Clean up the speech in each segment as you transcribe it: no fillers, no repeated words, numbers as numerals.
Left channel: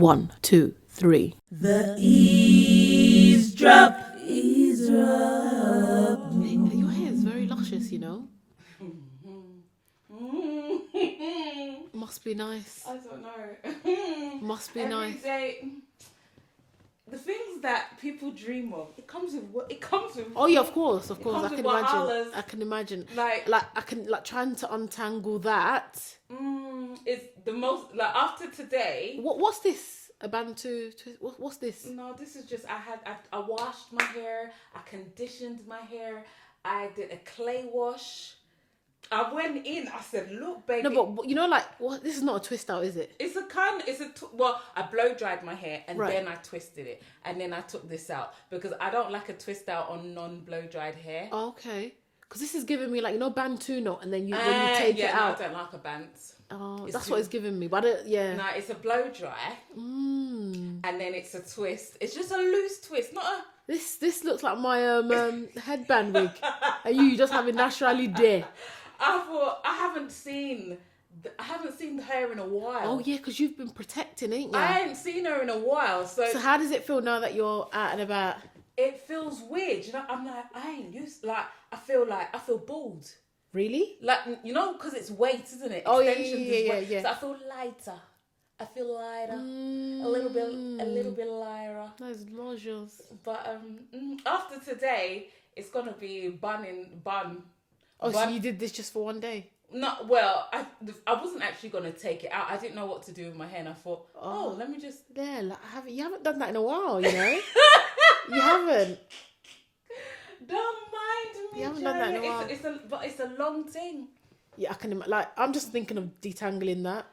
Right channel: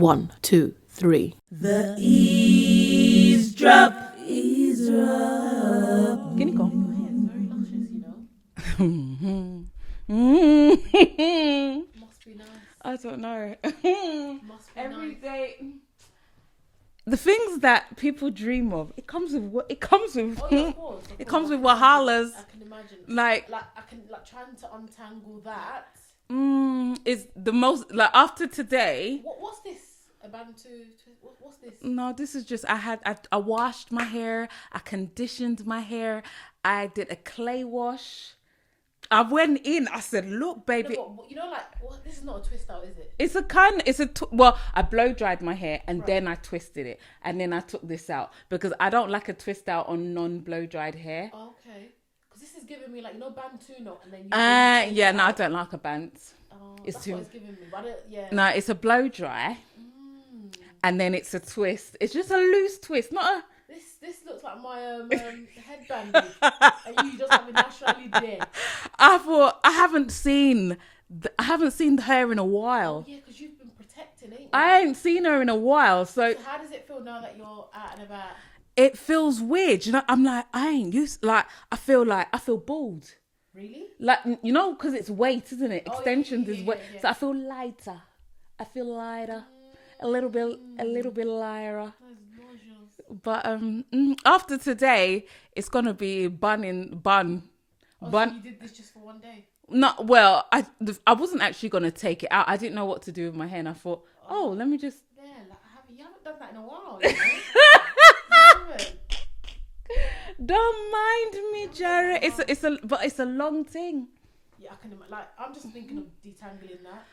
1, 2, 3. The eavesdrop. Eavesdrop. Your hair is very luscious, you know. Must be nice. I don't know. Must be Every nice. day, the things that people dream of, it comes with. Oh yeah, of course. It comes I with can imagine. wahalas. I can imagine. Like I can trying to untangle that. It's the most like after today. What's this? A Bantu? What's this? No, this is just I washed my hair. I conditioned my hair. I did a clay wash. I went in. I said, "Look, baby." No, but you know, like, what? This is not a twist out, is it? It's I blow dried my hair and then I twisted it and then I took this out because I don't like a twist out on non-blow dried hair. Oh, okay. Because this is giving me like, you know, Bantu knot and then you take it out. I don't like a bant. Oh, that's what it's giving me. But No, it's a blow dry and then it's a twist. It's just a loose twist, not a. This looks like my headband wig, and you just have it naturally there. I haven't seen the hair in a while. Oh yeah, because you've been protecting, ain't you? I ain't seen her in a while, so how does it feel now that you're out and about? It feels weird, you know. I'm like, I ain't used. Like, I feel bald. Really? Like, you know, because it's weight, isn't it? Extensions is weight. Yeah. So I feel lighter. A little bit lighter. Those lodges. But after today, it's gonna be bun. Oh, so you did this just for one day? No, well, I wasn't actually gonna take it out. I didn't know what to do with my hair, and I thought, let me just. Yeah, like, you haven't done that in a while, you know. You haven't. Don't mind me, Jerry. It's a long thing. Yeah, I can imagine. Like, I'm just thinking of detangling that.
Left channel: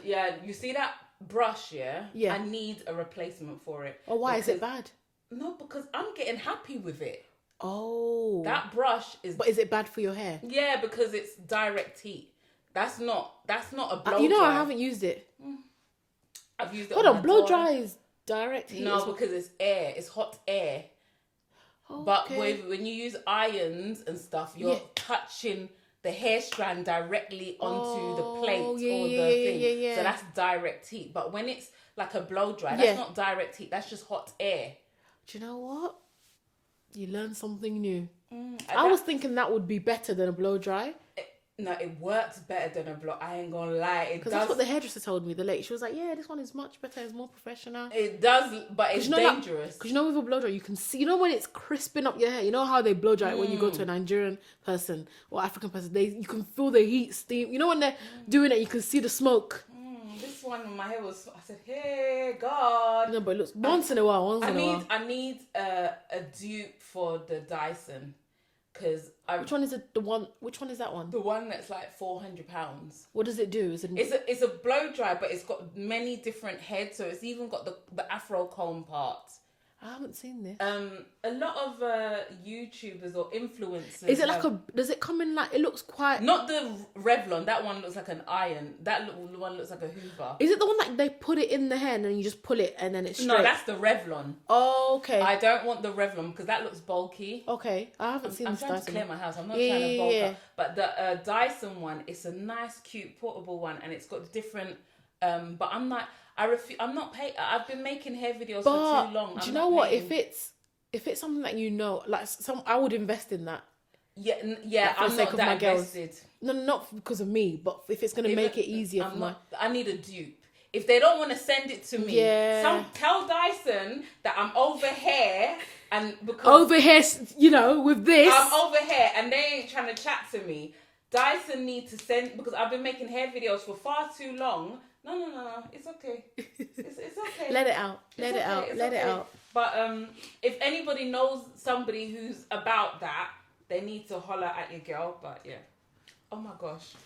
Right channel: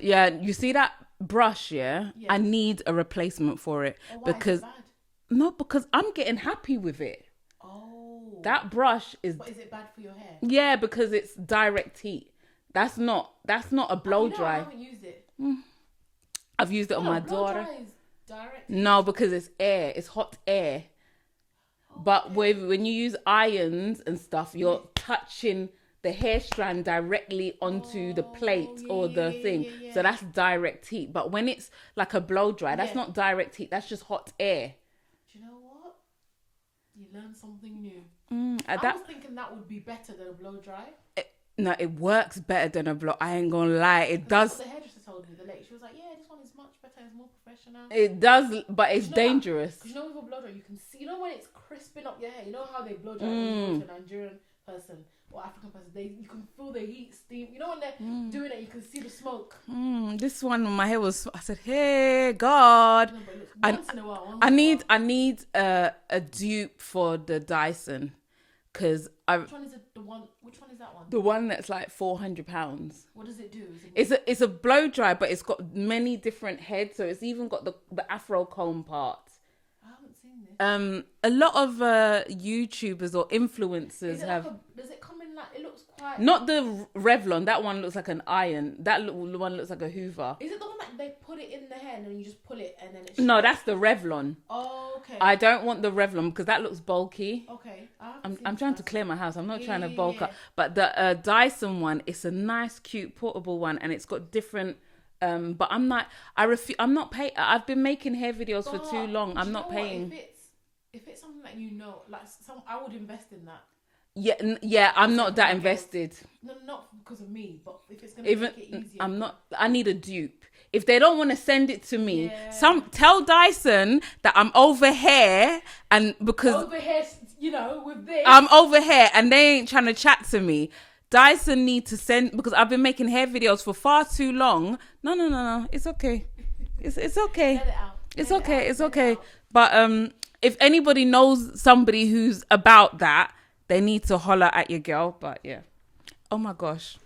Yeah, you see that brush, yeah? I need a replacement for it. Oh, why is it bad? No, because I'm getting happy with it. Oh. That brush is... But is it bad for your hair? Yeah, because it's direct heat. That's not a blow dry. I haven't used it. I've used it on my blow dry is direct heat? No, because it's air. It's hot air. Oh, but when you use irons and stuff, you're touching the hair strand directly onto the plate or the thing. Yeah. So that's direct heat. But when it's like a blow dry, that's not direct heat. That's just hot air. Do you know what? You learn something new. I was thinking that would be better than a blow dry. No, it works better than a blow. I ain't gonna lie. It does. That's what the hairdresser told me. The lady, she was like, "Yeah, this one is much better. It's more professional." It does, but it's dangerous. Because you know, with a blow dry, you can see. You know when it's crisping up your hair. You know how they blow dry when you go to a Nigerian person or African person. You can feel the heat, steam. You know when they're doing it, you can see the smoke. This one, my hair was. I said, "Hey, God." No, but it looks once in a while. I need a dupe for the Dyson. Which one is it? Which one is that one? The one that's like £400. What does it do? It's a blow dry, but it's got many different heads, so it's even got the afro comb part. I haven't seen this. A lot of YouTubers or influencers. Is it does it come in like, it looks quite... Not the Revlon, that one looks like an iron. That one looks like a Hoover. Is it the one that they put it in the hair and then you just pull it and then it's straight? No, that's the Revlon. Oh, okay. I don't want the Revlon because that looks bulky. Okay, I haven't seen I'm trying Dyson to clear my house. I'm not trying to bulk up. But the Dyson one, it's a nice, cute, portable one and it's got different... but I'm not. I'm not paying. I've been making hair videos for too long. I'm not paying. What? If it's something that you know, like I would invest in that. Yeah. I'm not that invested. No, not because of me, but if it's gonna make it easier. I need a dupe. If they don't want to send it to me, tell Dyson that I'm over here and because over here, you know, with this, I'm over here and they ain't trying to chat to me. Dyson need to send because I've been making hair videos for far too long. No. It's okay. It's okay. Let it out. It's okay. But if anybody knows somebody who's about that, they need to holler at your girl. But yeah. Oh my gosh.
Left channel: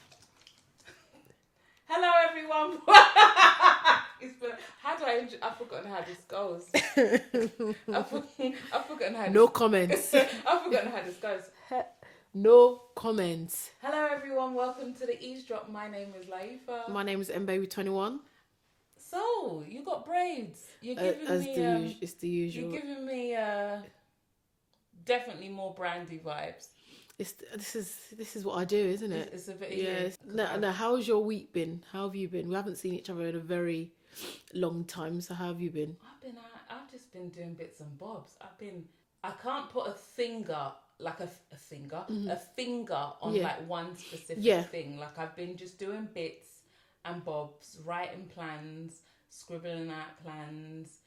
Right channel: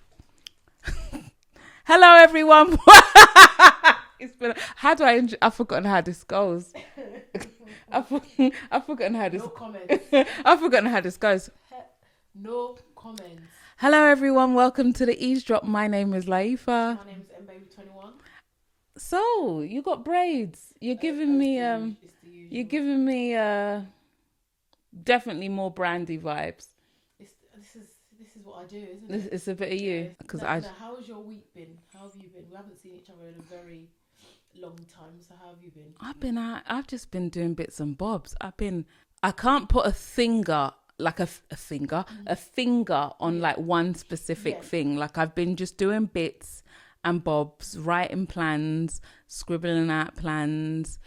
Hello everyone. It's been. How do I've forgotten how this goes. I've forgotten how. No comments. I've forgotten how this goes. No comments. Hello everyone, welcome to the Eavesdrop. My name is Layefa. My name is mbaby21. So, you got braids. You're giving me it's the usual. You're giving me definitely more brandy vibes. This is what I do, isn't it? It's a bit of you. Now, how's your week been? How have you been? We haven't seen each other in a very long time. So how have you been? I've just been doing bits and bobs. I can't put a finger on like one specific thing. Like I've been just doing bits and bobs, writing plans, scribbling out plans,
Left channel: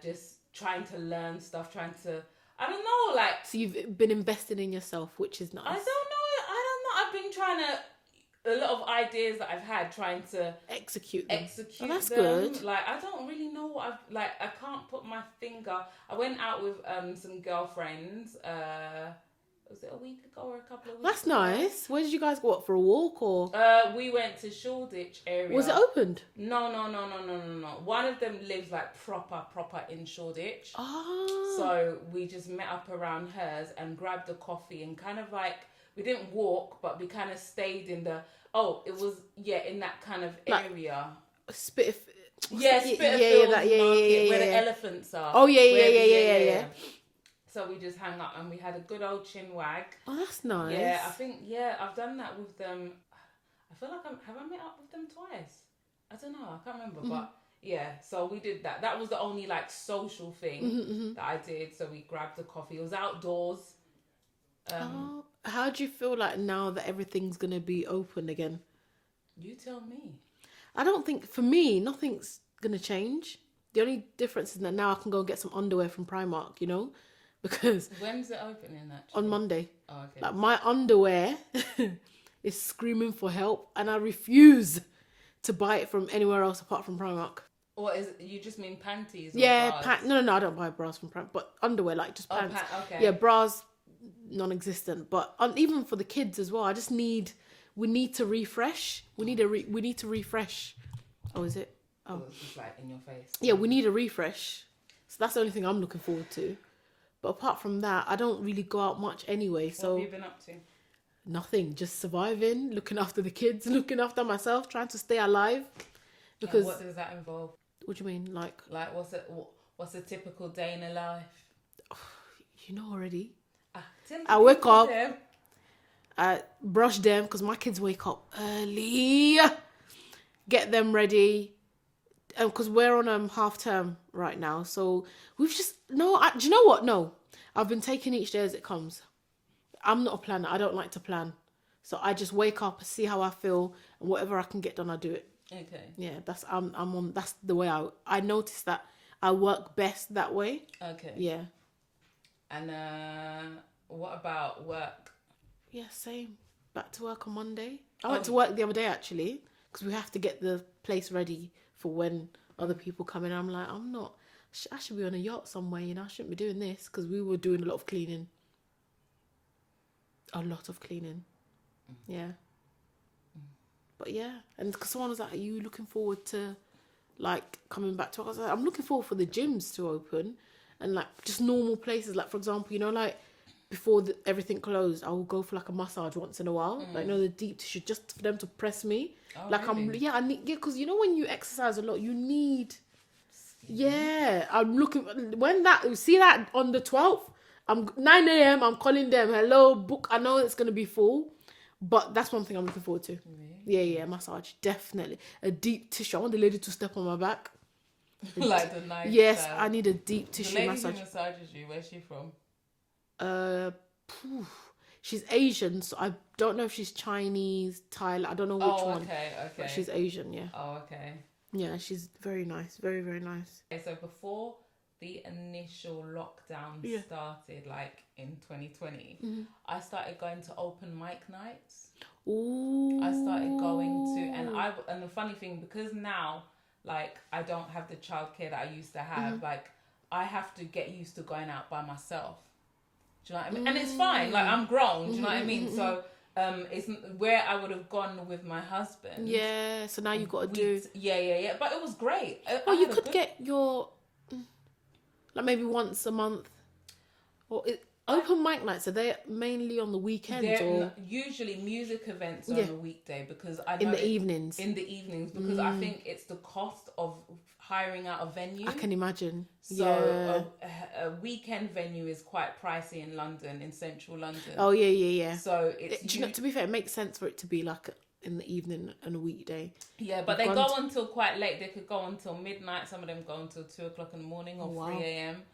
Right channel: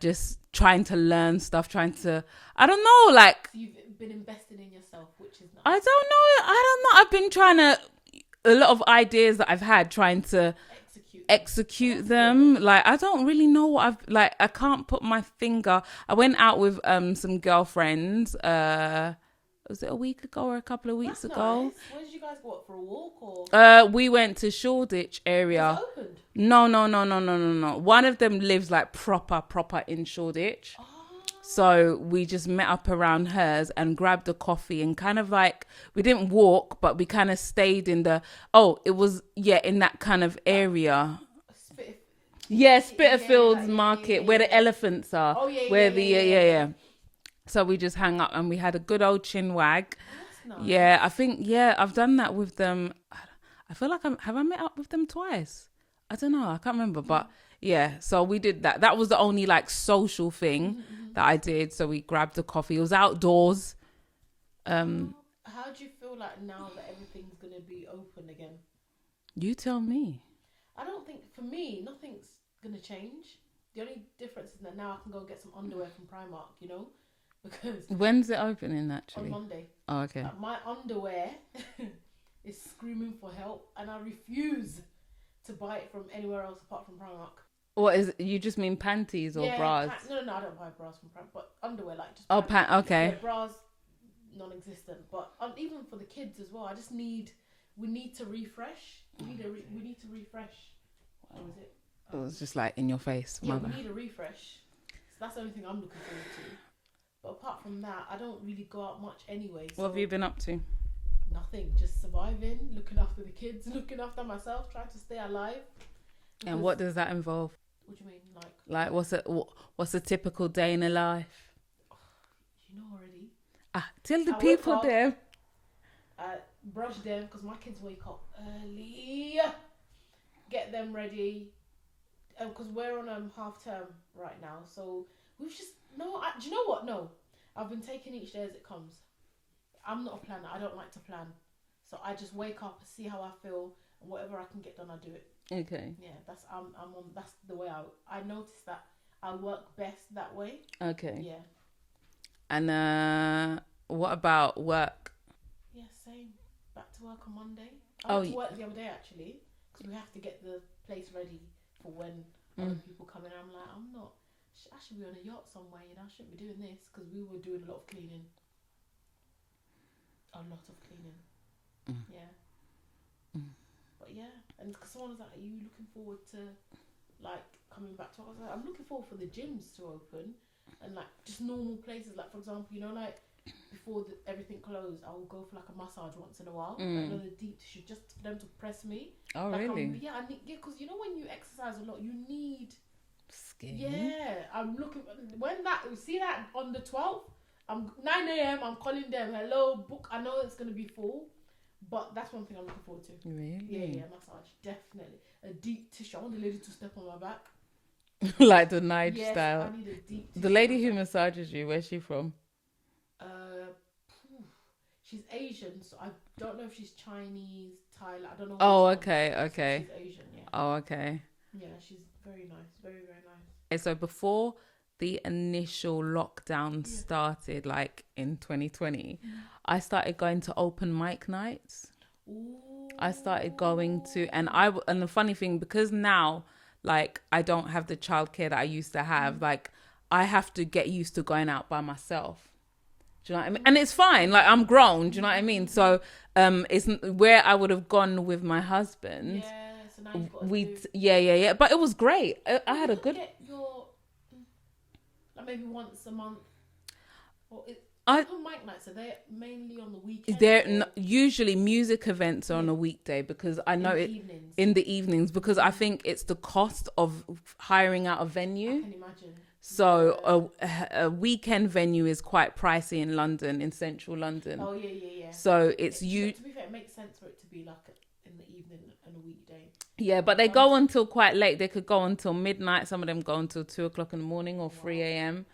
just trying to learn stuff, I don't know, like. So you've been investing in yourself, which is nice. I don't know. I've been trying to, a lot of ideas that I've had, trying to execute them. Good. Like, I don't really know what I can't put my finger. I went out with some girlfriends, was it a week ago or a couple of weeks ago? That's nice. Where did you guys go? For a walk or? We went to Shoreditch area. Was it opened? No. One of them lives like proper in Shoreditch. Oh. So we just met up around hers and grabbed a coffee and kind of like, we didn't walk, but we kind of stayed in in that kind of area. Spitalfields Market, where the elephants are. Oh, yeah. So we just hang up and we had a good old chin wag. Oh, that's nice. Yeah, I think, I've done that with them. I feel like have I met up with them twice? I don't know. I can't remember, but yeah. So we did that. That was the only like social thing that I did. So we grabbed a coffee. It was outdoors. How do you feel like now that everything's going to be open again? You tell me. I don't think, for me, nothing's going to change. The only difference is that now I can go and get some underwear from Primark, you know? Because when's it opening actually? On Monday. Oh, okay. Like my underwear is screaming for help, and I refuse to buy it from anywhere else apart from Primark. What is it? You just mean panties or bras? No, I don't buy bras from Primark, but underwear, like just pants. Okay. Yeah, bras, non-existent. But even for the kids as well, we need to refresh. We need to refresh. Oh, is it? Oh, it's just like in your face. Yeah, we need a refresh. So that's the only thing I'm looking forward to. But apart from that, I don't really go out much anyway. So what have you been up to? Nothing. Just surviving, looking after the kids, looking after myself, trying to stay alive. And what does that involve? What do you mean? Like what's a typical day in a life? You know already. Tell the wake up. I brush them because my kids wake up early. Get them ready. Because we're on half term right now, so we've just do you know what? No, I've been taking each day as it comes. I'm not a planner. I don't like to plan, so I just wake up, see how I feel, and whatever I can get done, I do it. Okay. Yeah, that's that's the way I notice that I work best that way. Okay. Yeah. And what about work? Yeah, same. Back to work on Monday. I went to work the other day actually because we have to get the place ready for when other people come in. I'm like, I should be on a yacht somewhere, you know. I shouldn't be doing this because we were doing a lot of cleaning. Yeah. But yeah, and because someone was like, are you looking forward to like coming back to work? I was like, I'm looking forward for the gyms to open and like just normal places. Like for example, you know, like before everything closed, I will go for like a massage once in a while. Like, you know, the deep tissue, just for them to press me. Oh, like really? I need, because you know when you exercise a lot, you need skin. Yeah, I'm looking see that on the 12th. I'm 9 a.m. I'm calling them. Hello, book. I know it's gonna be full, but that's one thing I'm looking forward to. Really? Yeah, massage definitely. A deep tissue. I want the lady to step on my back. Like the knife. Yes, style. I need a deep tissue. The lady who massages you, where's she from? She's Asian, so I don't know if she's Chinese, Thai. I don't know which one. Oh, okay. She's Asian, yeah. Oh, okay. Yeah, she's very nice. Very, very nice. Okay, so before the initial lockdown started, like in 2020, I started going to open mic nights. Ooh. I started going to, and the funny thing, because now, like, I don't have the childcare that I used to have, like, I have to get used to going out by myself. Do you know what I mean? And it's fine. Like, I'm grown. Do you know what I mean? So, it's where I would have gone with my husband. Yeah. So now you've got to do. Yeah. But it was great. You could get your, like maybe once a month, or open mic nights. Are they mainly on the weekends? They're usually music events are on a weekday, because I know in the evenings because I think it's the cost of hiring out a venue. I can imagine. So a weekend venue is quite pricey in London, in central London. Oh yeah. So it's to be fair, it makes sense for it to be like in the evening and a weekday. Yeah, but they go until quite late. They could go until midnight. Some of them go until 2:00 in the morning or 3 a.m.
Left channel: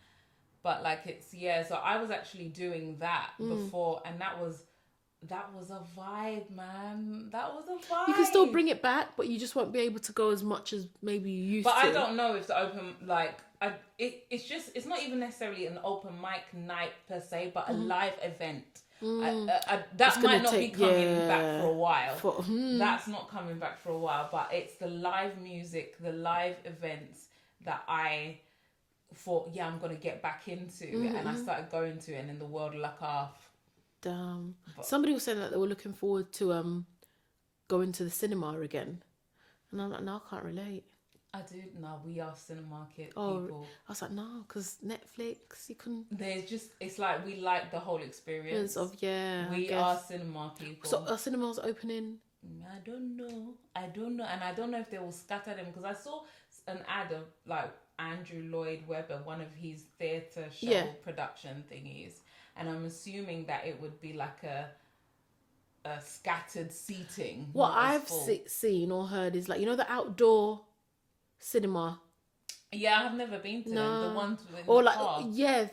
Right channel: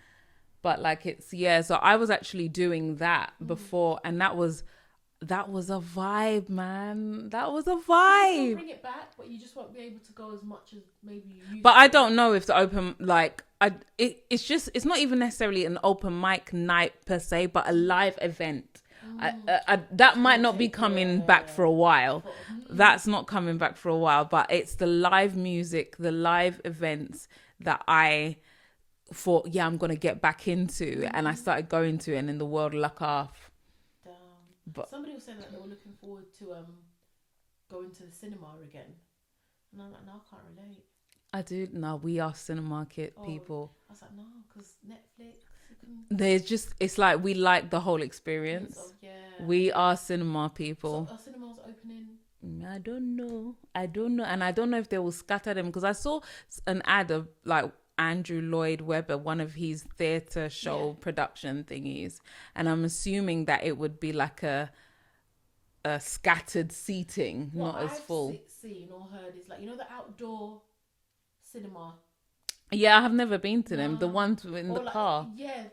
But like so I was actually doing that before, and that was a vibe, man. That was a vibe. You can still bring it back, but you just won't be able to go as much as maybe you used to. But I don't know if the open, it's not even necessarily an open mic night per se, but a live event. That might not be coming back for a while. That's not coming back for a while, but it's the live music, the live events that I thought, I'm going to get back into. And I started going to it, and in the world luck off. Damn. But somebody was saying that they were looking forward to going to the cinema again, and I'm like, no, I can't relate. I do. No, we are cinema people. I was like, no, because Netflix, you can. It's like we like the whole experience. We are cinema people. So are cinemas opening? I don't know, and I don't know if they will scatter them, because I saw an ad of like Andrew Lloyd Webber, one of his theatre show production thingies, and I'm assuming that it would be like a scattered seating. What I've seen or heard is like, the outdoor cinema. Yeah, I have never been to them. The ones in the car. Yeah,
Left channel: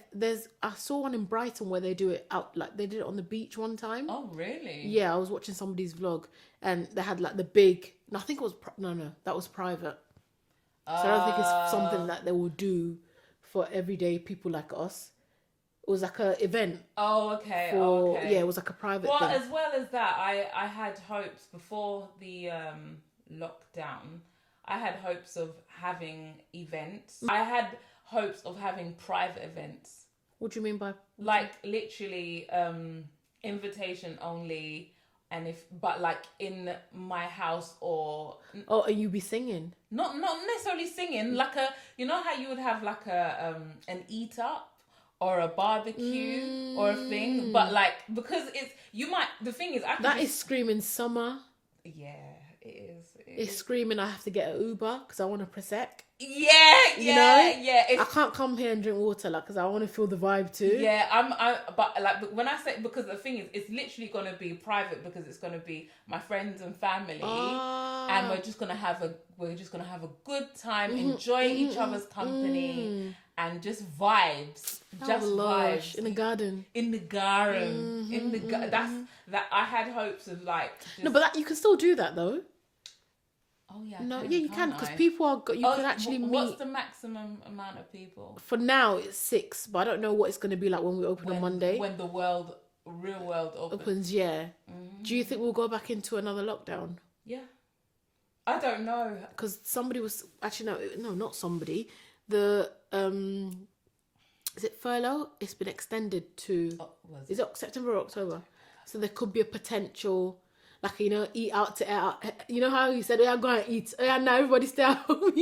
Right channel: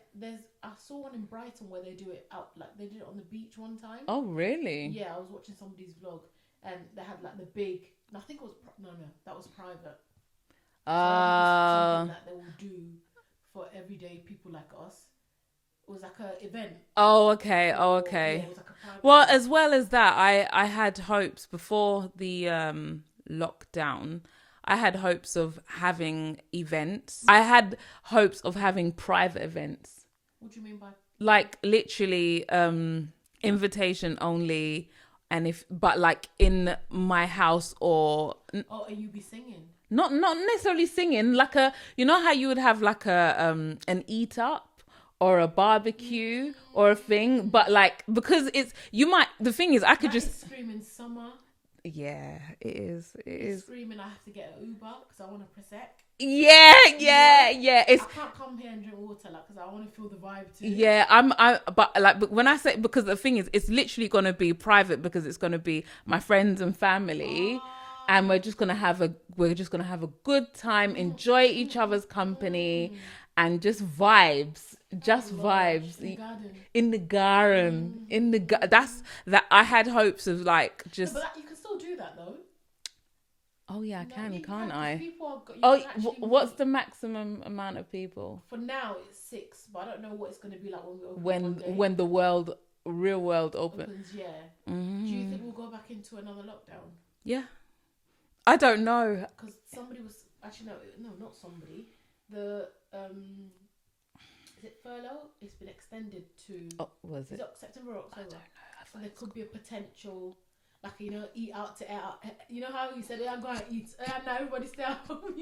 I saw one in Brighton where they do it out, like they did it on the beach one time. Oh, really? Yeah, I was watching somebody's vlog, and they had like the big. I think it was that was private. So I don't think it's something that they will do for everyday people like us. It was like an event. Oh, okay. Okay. Yeah, it was like a private thing. As well as that, I had hopes before the lockdown. I had hopes of having events. I had hopes of having private events. What do you mean by? Like literally invitation only. But like in my house or and you be singing? Not necessarily singing, like how you would have like an eat up or a barbecue or a thing, but like because the thing is I could that is screaming summer. Yeah, it is. It's screaming. I have to get an Uber because I want a Prosecco. Yeah. I can't come here and drink water, like, because I want to feel the vibe too. Yeah, but when I say, because the thing is, it's literally gonna be private, because it's gonna be my friends and family, and we're just gonna have a good time, enjoy each other's company, and just vibes, vibes in the garden. That's that. I had hopes of like just. No, but you can still do that though. Oh yeah, you can, because people are. You can actually. What's the maximum amount of people? For now, it's 6, but I don't know what it's going to be like when we open on Monday. When the real world opens. Yeah. Mm-hmm. Do you think we'll go back into another lockdown? Yeah. I don't know, because somebody was actually not somebody. The is it furlough? It's been extended to. Is it September or October? So there could be a potential. Like, eat out to out. You know how you said, I'm going to eat. Yeah, now everybody stay at home.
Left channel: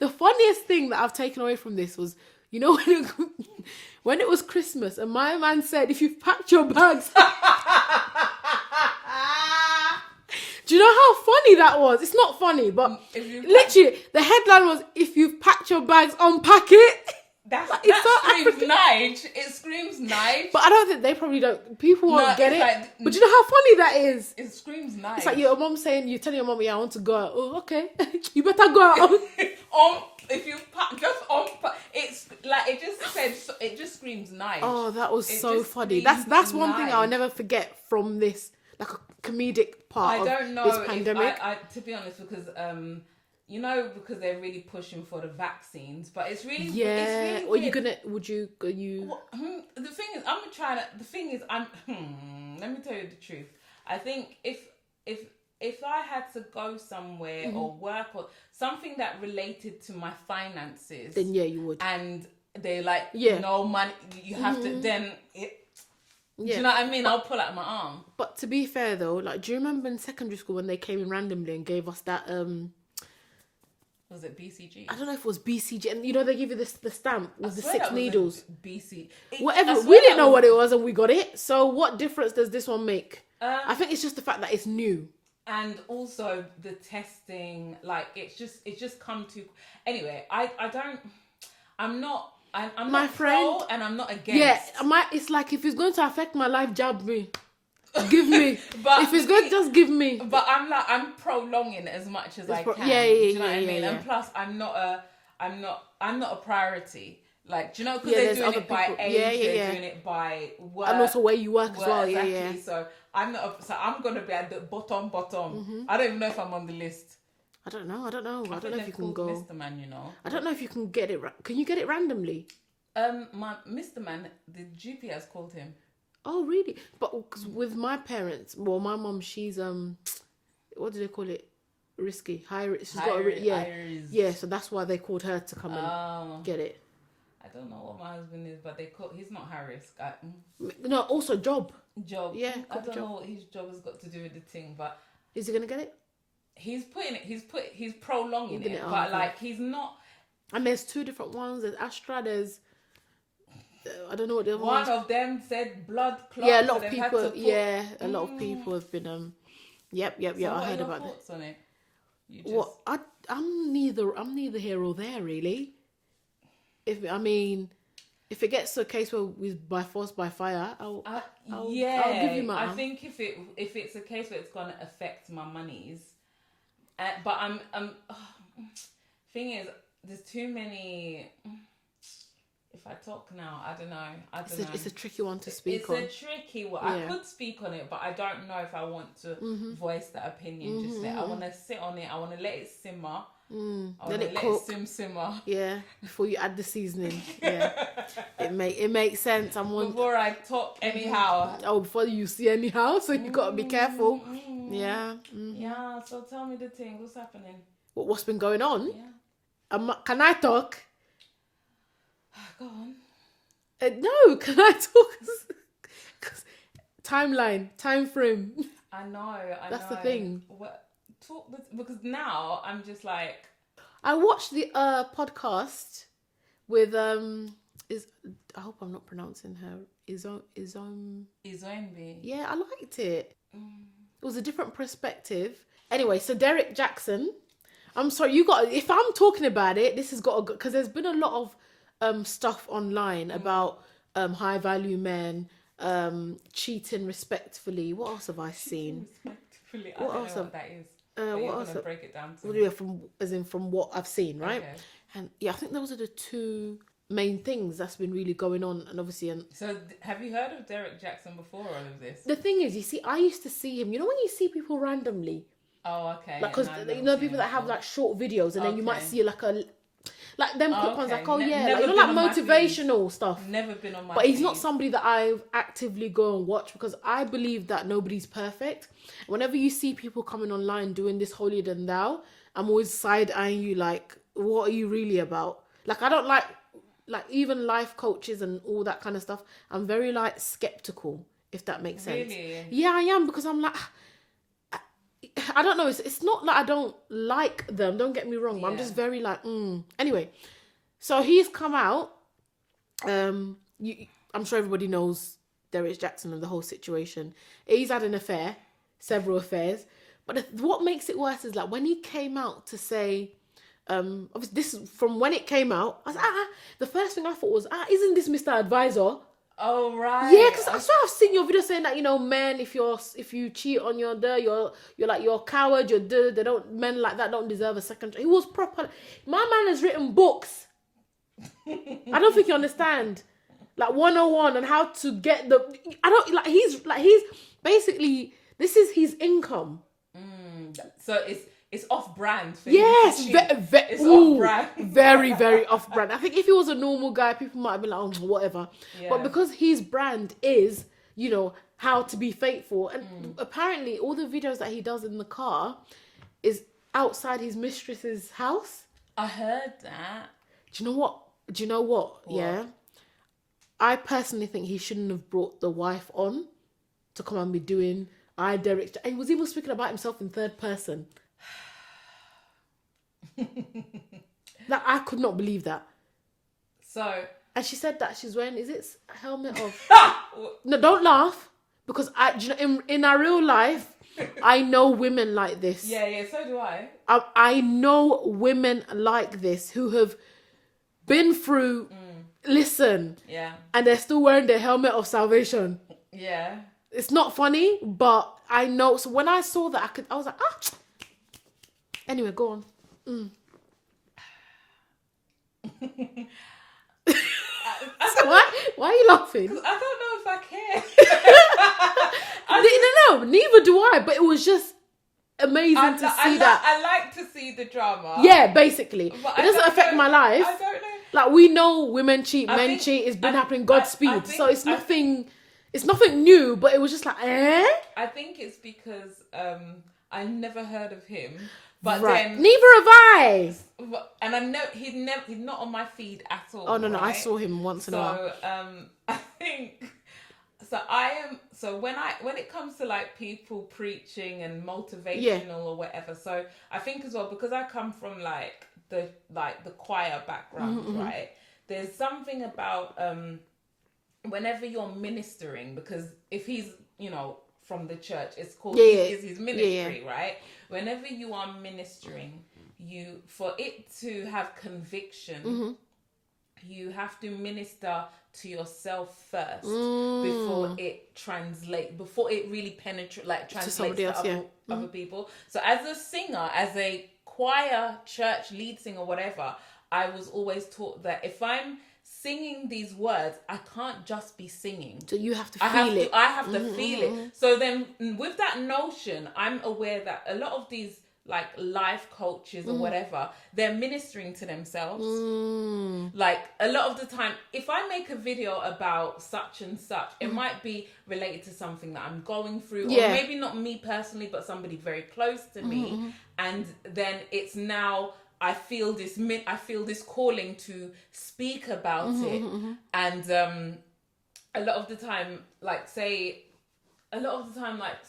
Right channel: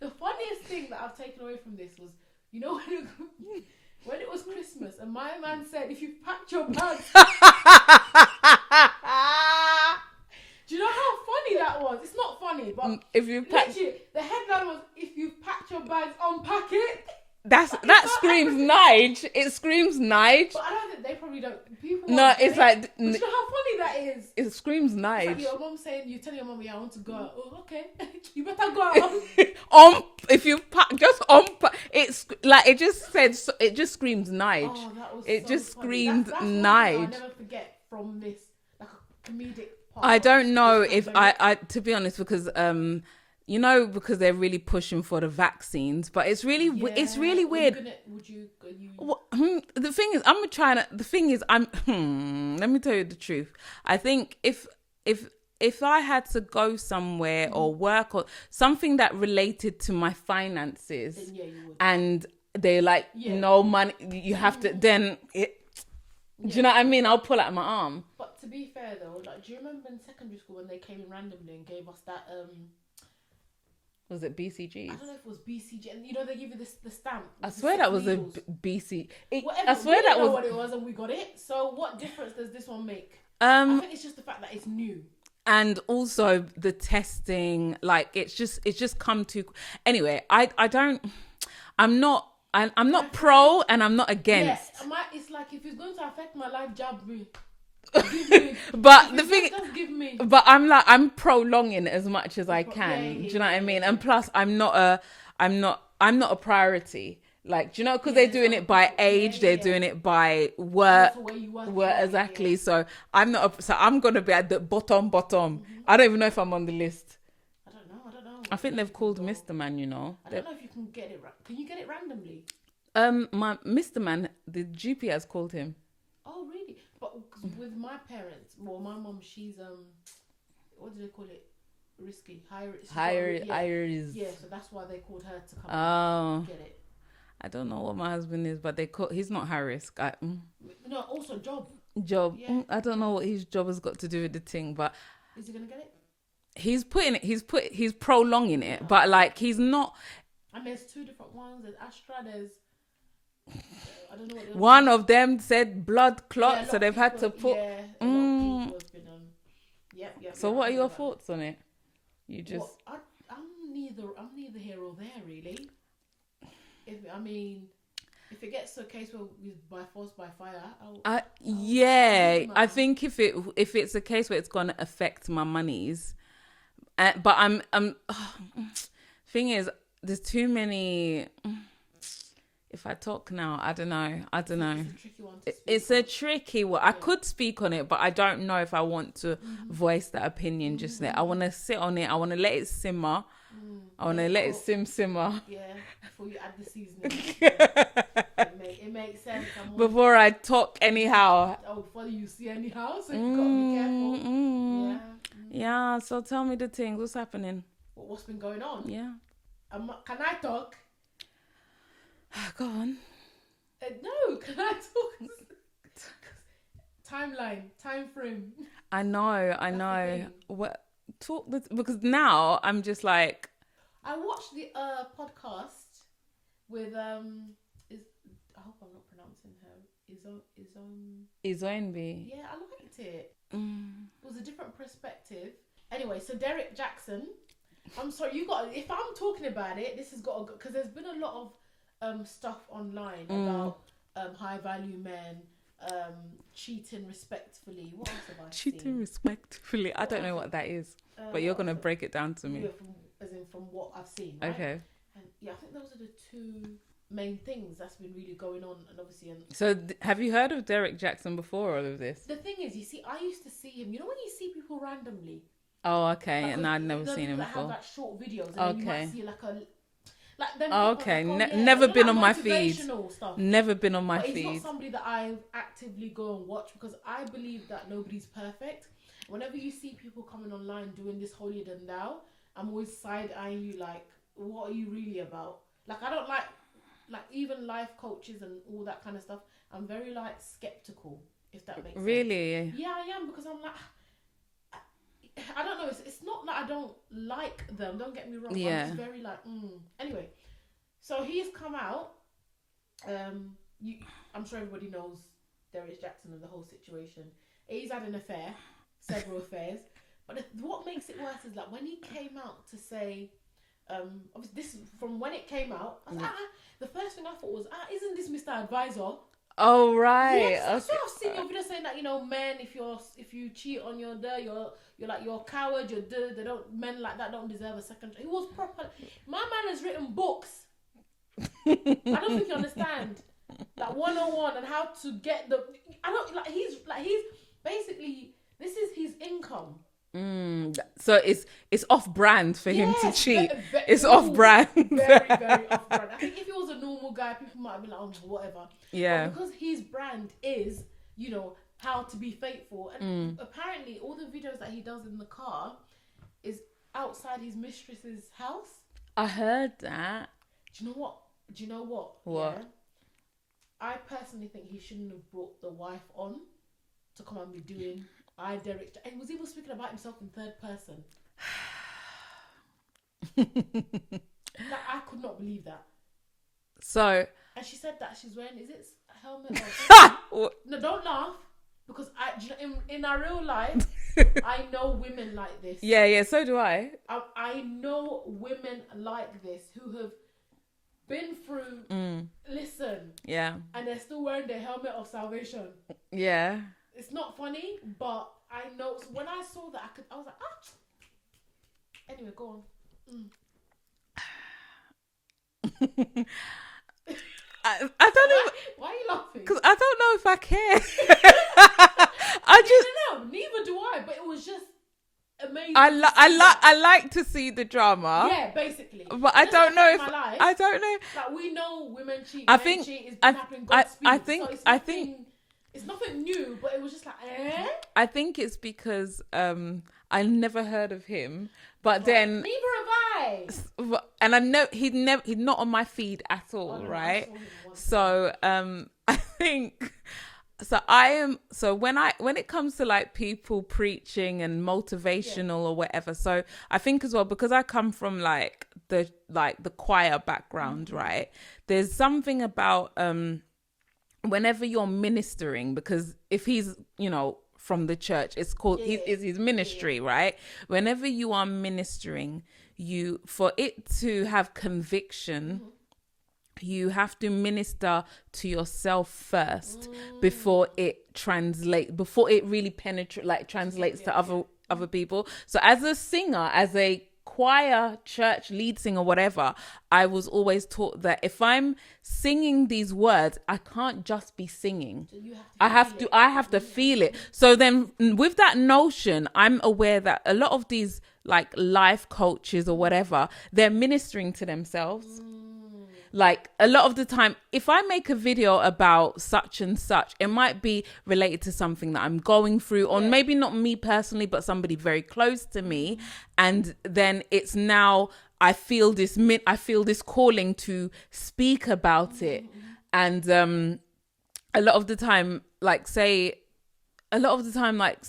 The funniest thing that I've taken away from this was, when it was Christmas and my man said, if you've packed your bags. Do you know how funny that was? It's not funny, but literally, the headline was, if you've packed your bags, unpack it. That screams Nige. It screams Nige. But I don't think they probably don't. People won't get it. Like, but you know how funny that is? It screams Nige. It's like your mom saying, you're telling your mom, I want to go out. Oh, okay. You better go out. If you it's like, it just screams Nige. Oh, that was so funny. That's one thing I'll never forget from this, like a comedic part. I don't know if I to be honest, because because they're really pushing for the vaccines, but it's really weird. The thing is, let me tell you the truth. I think if I had to go somewhere or work or something that related to my finances, then you would. And they're like, no money, you have to, then it. Do you know what I mean? I'll pull out my arm. But to be fair though, like, do you remember in secondary school when they came in randomly and gave us that was it BCG? I don't know if it was BCG, and they give you the stamp with the swear 6 that was needles. BC. Whatever. We didn't know what it was, and we got it. So what difference does this one make? I think it's just the fact that it's new, and also the testing. Like, it's just come to. Anyway, I'm not pro, and I'm not against. Yeah, it's like, if it's going to affect my life, jab me. Give me. But if it's good, just give me. But I'm prolonging it as much as I can. Yeah, do you know what I mean? And plus, I'm not a priority. Like, do you know? Because they're doing it by age, they're doing it by work. And also where you work as well. Exactly. So I'm not. So I'm gonna be at the bottom. Mm-hmm. I don't even know if I'm on the list. I don't know. I think they've called Mr. Man. You know. I don't know if you can get it. Can you get it randomly? My Mr. Man, the GP has called him. Oh really? But cause with my parents, well, my mum, she's what do they call it? Risky, high risk. Yeah. So that's why they called her to come and get it. I don't know what my husband is, but he's not high risk. No, also job. Yeah, I don't know what his job has got to do with the thing, but is he gonna get it? He's prolonging it, but like he's not. And there's two different ones. There's Astra. There's I don't know what the other one of them said blood clot, so they've had to put. Yeah, a lot of people have been. Yep. So what are your thoughts on it? You just. What I'm neither here or there really. If it gets to a case where we by force by fire, I think if it's a case where it's gonna affect my monies, but I'm thing is there's too many. If I talk now, I don't know. It's a tricky one to speak. It's a tricky one. Yeah. I could speak on it, but I don't know if I want to voice that opinion just yet. I want to sit on it. I want to let it simmer. I want to let it simmer. Yeah, before you add the seasoning. Yeah. it makes sense. Before I talk anyhow. Before you see anyhow, so you gotta be careful. Yeah. Yeah. So tell me the things. What's happening? What's been going on? Yeah. Can I talk? Go on. No, can I talk? Timeline, time frame. I know. That's the thing. What? Because now I'm just like I watched the podcast with I hope I'm not pronouncing her Izombi. Yeah, I liked it. It was a different perspective. Anyway, so Derrick Jaxn. I'm sorry, if I'm talking about it, this has got to go, because there's been a lot of stuff online about high value men cheating respectfully. What else have I seen? Cheating respectfully. I don't know what that is. But you're gonna break it down to me. Yeah, from what I've seen, right? Okay. And yeah, I think those are the two main things that's been really going on, and obviously. So have you heard of Derrick Jaxn before all of this? The thing is, you see, I used to see him. You know when you see people randomly. Oh, okay. Like, no, I've never seen people that before. have like short videos, and then you might see like them. Okay. Never been on my motivational stuff. Never been on my But feed. he's not somebody that I actively go and watch, because I believe that nobody's perfect. Whenever you see people coming online doing this holier than thou, I'm always side-eyeing you like, what are you really about? Like, I don't like even life coaches and all that kind of stuff. I'm very like skeptical, if that makes sense. Really? Yeah, I am, because I'm like, I don't know. It's not that I don't like them. Don't get me wrong. But I'm just very like, Anyway, so he's come out. I'm sure everybody knows Derrick Jaxn and the whole situation. He's had an affair, several affairs. But what makes it worse is like when he came out to say, obviously this is from when it came out. I was like, the first thing I thought was, isn't this Mr. Advisor? Oh right. Yeah, because I've seen your video saying that, men, if you cheat on your you're a coward. Men like that don't deserve a second. He was proper. My man has written books. I don't think you understand. Like 101 on how to get the. I don't like. He's basically, this is his income. So it's off brand for him to cheat. It's off brand. Very, very off brand. I think if he was a normal guy, people might have been like, whatever. Yeah. But because his brand is, how to be faithful. And apparently all the videos that he does in the car is outside his mistress's house. I heard that. Do you know what? Yeah. I personally think he shouldn't have brought the wife on to come and be doing... Derrick. He was even speaking about himself in third person. Like, I could not believe that. So, and she said that she's wearing, is it a helmet of... No, don't laugh, because in our real life, I know women like this. Yeah, so do I. I know women like this who have been through. Listen. Yeah. And they're still wearing their helmet of salvation. Yeah. It's not funny, but I know. So when I saw that, I was like, Anyway, go on. Why are you laughing? Because I don't know if I care. I didn't know. Neither do I. But it was just amazing. I like to see the drama. Yeah, basically. But it doesn't affect my life. I don't know. Like, we know women cheat, men cheat. It's been happening. Godspeed. So it's nothing. It's nothing new. But it was just like, I think it's because I never heard of him. But then neither have I. And I know he's not on my feed at all. Oh no, right? I saw him once. So I think so when it comes to like people preaching and motivational or whatever. So I think as well, because I come from like the choir background, right? There's something about whenever you're ministering, because if he's, from the church, it's called is his ministry, right? Whenever you are ministering, for it to have conviction, you have to minister to yourself first before it really translates to other people. So as a singer, as a choir, church lead singer, whatever, I was always taught that if I'm singing these words, I can't just be singing. So you have to feel it. I have to feel it. So then with that notion, I'm aware that a lot of these like life coaches or whatever, they're ministering to themselves. Like a lot of the time, if I make a video about such and such, it might be related to something that I'm going through, or maybe not me personally, but somebody very close to me. And then it's now, I feel this calling to speak about it. And a lot of the time, say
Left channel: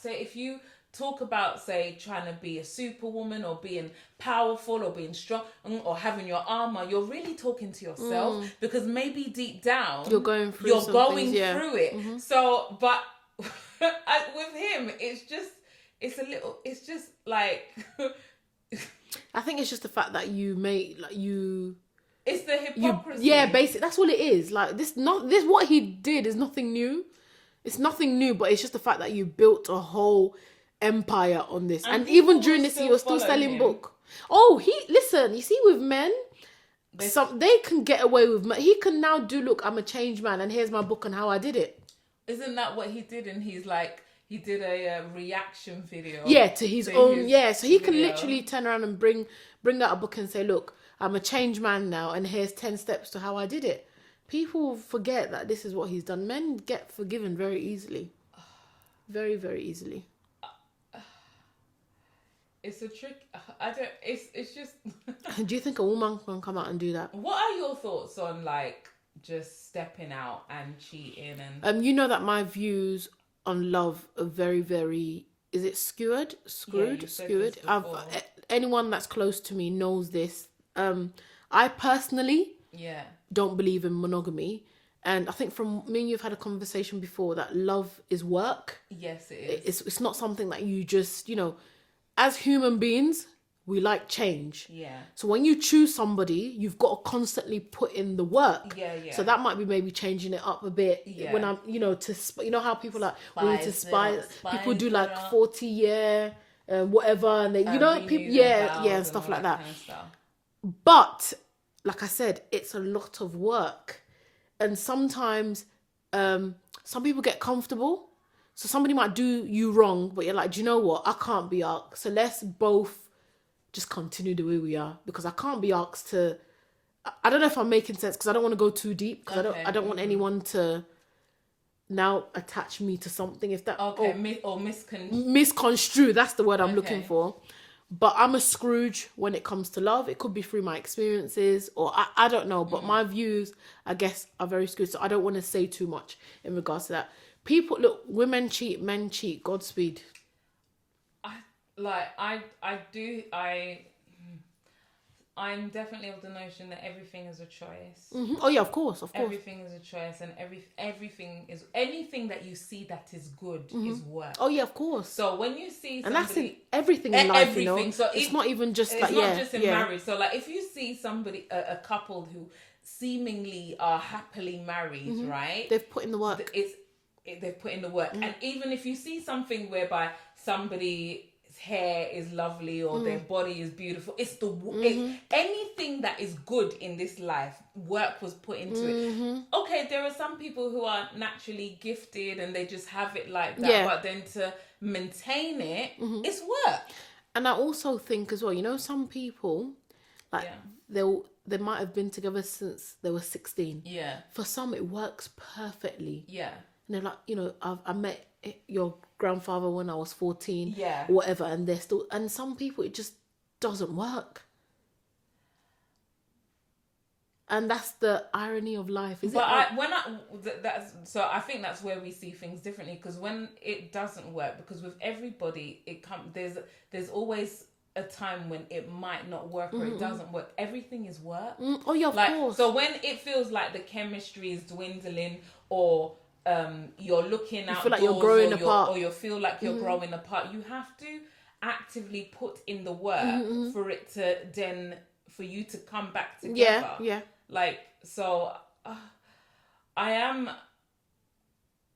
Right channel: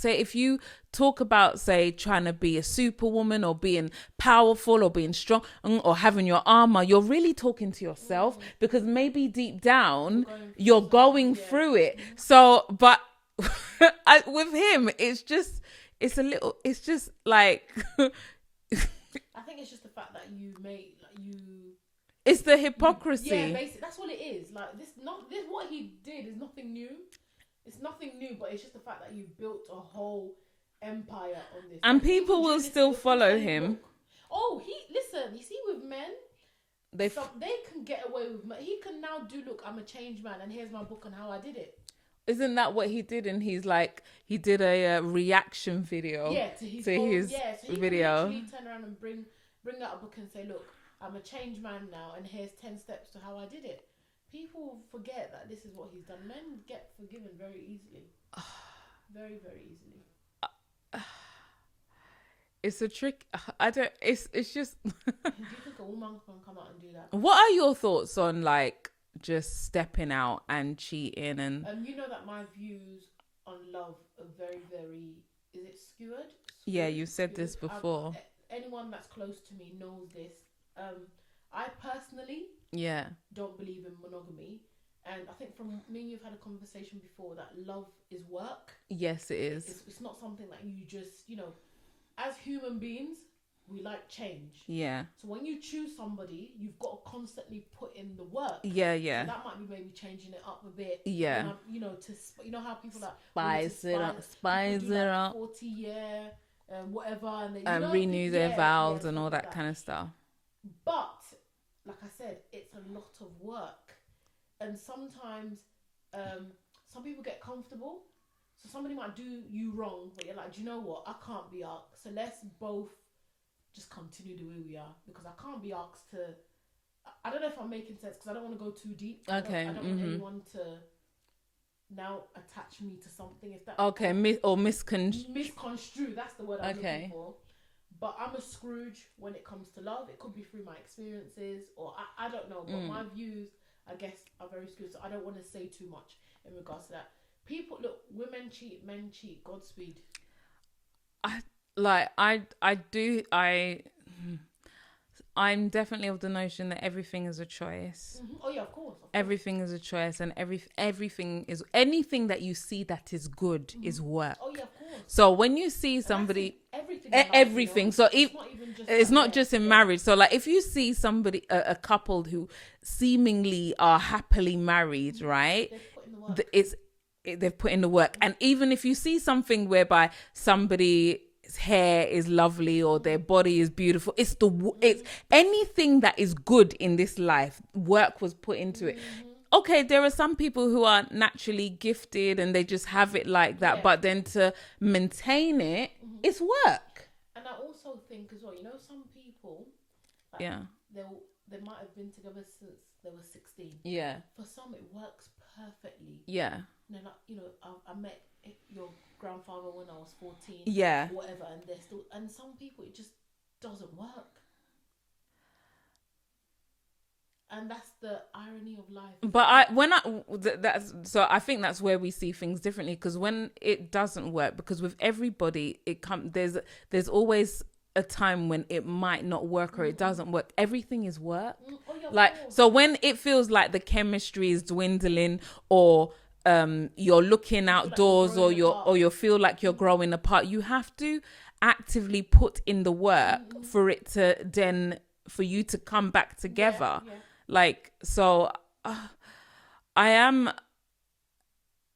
if you talk about, say, trying to be a superwoman or being powerful or being strong or having your armor, you're really talking to yourself, because maybe deep down you're going through it. So, but with him, it's just like I think it's just the fact that it's the hypocrisy. Basically that's what it is. Like this what he did is nothing new. It's nothing new, but it's just the fact that you built a whole empire on this, and even during this, he was still selling book. You see, with men, they can get away with. He can now do. Look, I'm a changed man, and here's my book on how I did it. Isn't that what he did? And he's like, he did a reaction video. To his own. So he can literally turn around and bring out a book and say, look, I'm a changed man now, and here's 10 steps to how I did it. People forget that this is what he's done. Men get forgiven very easily. Very, very easily. It's a trick. It's just. Do you think a woman can come out and do that? What are your thoughts on like just stepping out and cheating and? You know that my views on love are very, very. Is it skewed? Yeah, you said this before. Anyone that's close to me knows this. I personally don't believe in monogamy. And I think from me and you've had a conversation before that love is work. Yes, it is. It's not something that you just, as human beings, we like change. Yeah. So when you choose somebody, you've got to constantly put in the work. Yeah. So that might be maybe changing it up a bit. Yeah. When I'm, how people like willing to spice. People do like 40-year, whatever, and they, people, and stuff like that. Kind of stuff. But like I said, it's a lot of work, and sometimes some people get comfortable. So somebody might do you wrong, but you're like, do you know what? I can't be asked. So let's both just continue the way we are, because I can't be asked to. I don't know if I'm making sense, because I don't want to go too deep. I don't want anyone to now attach me to something. If that misconstrue. That's the word I'm looking for. But I'm a Scrooge when it comes to love. It could be through my experiences, or I don't know. But my views, I guess, are very skewed. So I don't want to say too much in regards to that. People, look, women cheat, men cheat. Godspeed. I'm definitely of the notion that everything is a choice. Mm-hmm. Oh yeah, of course. Everything is a choice, and anything that you see that is good is work. Oh yeah, of course. So when you see somebody, everything in life, everything. So it's not even just. It's not just in marriage. So like, if you see somebody, a couple who seemingly are happily married, right? They've put in the work. they've put in the work. And even if you see something whereby somebody's hair is lovely or their body is beautiful, it's anything that is good in this life, work was put into it. Okay, there are some people who are naturally gifted and they just have it like that, but then to maintain it, it's work. And I also think as well, you know, some people, like, they might have been together since they were 16. Yeah. For some, it works perfectly. Yeah. And they're like, you know, I met your grandfather when I was 14. Yeah. Or whatever. And they're still... And some people, it just doesn't work. And that's the irony of life. But I think that's where we see things differently, because when it doesn't work, because with everybody, there's always a time when it might not work or it doesn't work. Everything is work. Oh yeah, of course. So when it feels like the chemistry is dwindling, or you're looking outdoors, or you feel like you're growing apart, you have to actively put in the work for it to then for you to come back together. Yeah. Like, so I am,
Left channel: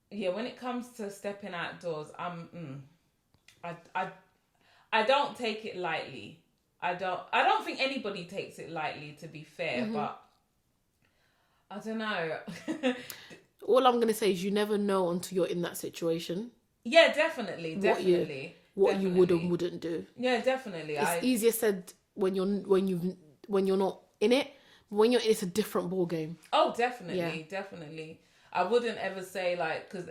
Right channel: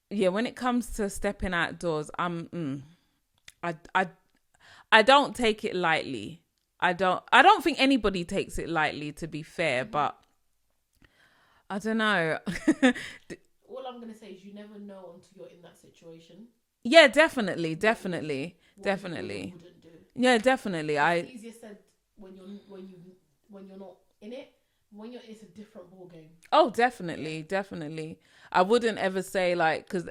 when it comes to stepping outdoors, I don't take it lightly. I don't think anybody takes it lightly, to be fair, but I don't know. All I'm going to say is you never know until you're in that situation. Yeah, definitely. What you would and wouldn't do. Yeah, definitely. It's easier said when you're not in it. When you're in, it's a different ball game. Oh, definitely. I wouldn't ever say, like, because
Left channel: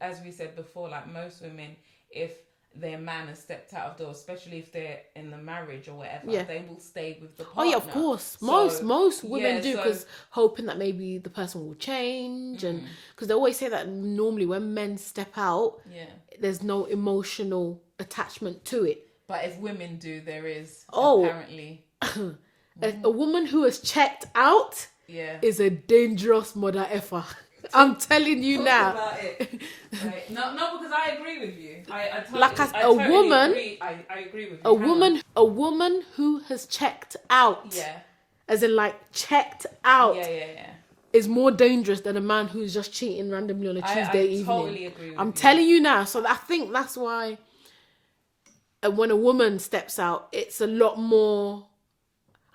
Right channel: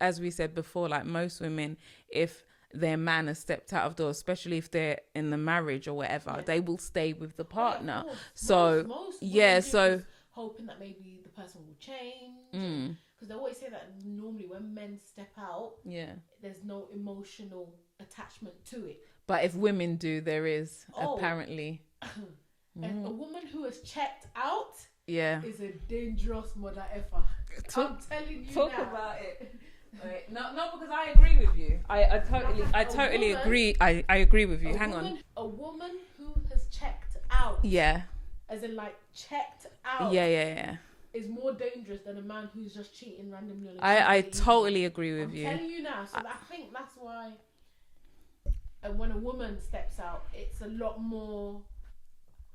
as we said before, like, most women, if their man has stepped out of doors, especially if they're in the marriage or whatever, they will stay with the partner. Oh yeah, of course. So, most women do, because hoping that maybe the person will change, and because they always say that normally when men step out, there's no emotional attachment to it. But if women do, there is, apparently. A woman who has checked out is a dangerous mother effer. I'm telling you now. About it. Right. No, because I agree with you. I totally agree. I agree with you. A woman who has checked out. Yeah. As in, like, checked out. Yeah. Is more dangerous than a man who's just cheating randomly on a Tuesday evening. I totally agree with you. I'm telling you now. So I think that's why when a woman steps out, it's a lot more...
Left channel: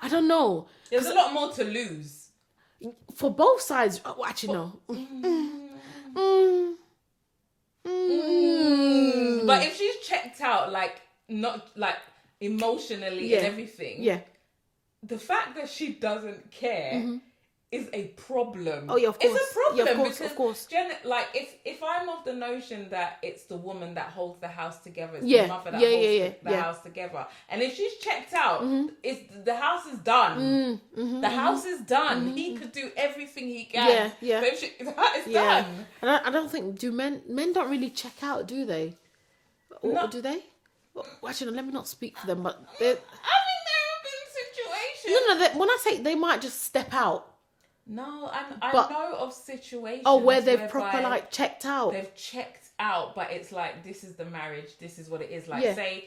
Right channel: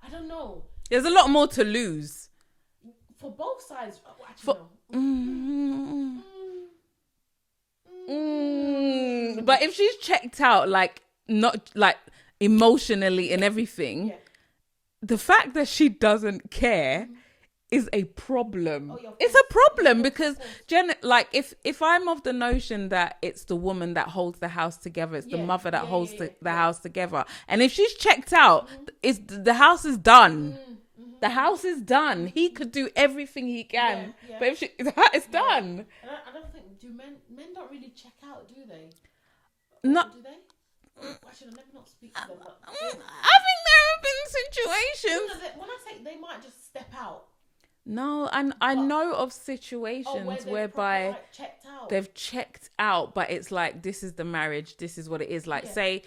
I don't know. There's a lot more to lose. For both sides. Actually, no. But if she's checked out, like, not, like, emotionally and everything, the fact that she doesn't care is a problem. Oh, yeah, of course. It's a problem, of course. Like, if I'm of the notion that it's the woman that holds the house together, it's the mother that holds the house together, and if she's checked out, the house is done. The house is done. He could do everything he can. But if it's done. And I don't think men don't really check out, do they? No, do they? Well, actually, let me not speak for them, but I think there have been situations. No, when I say they might just step out. No, and I know of situations where they've proper, like, checked out. They've checked out, but it's like, this is the marriage, this is what it is. Like, say,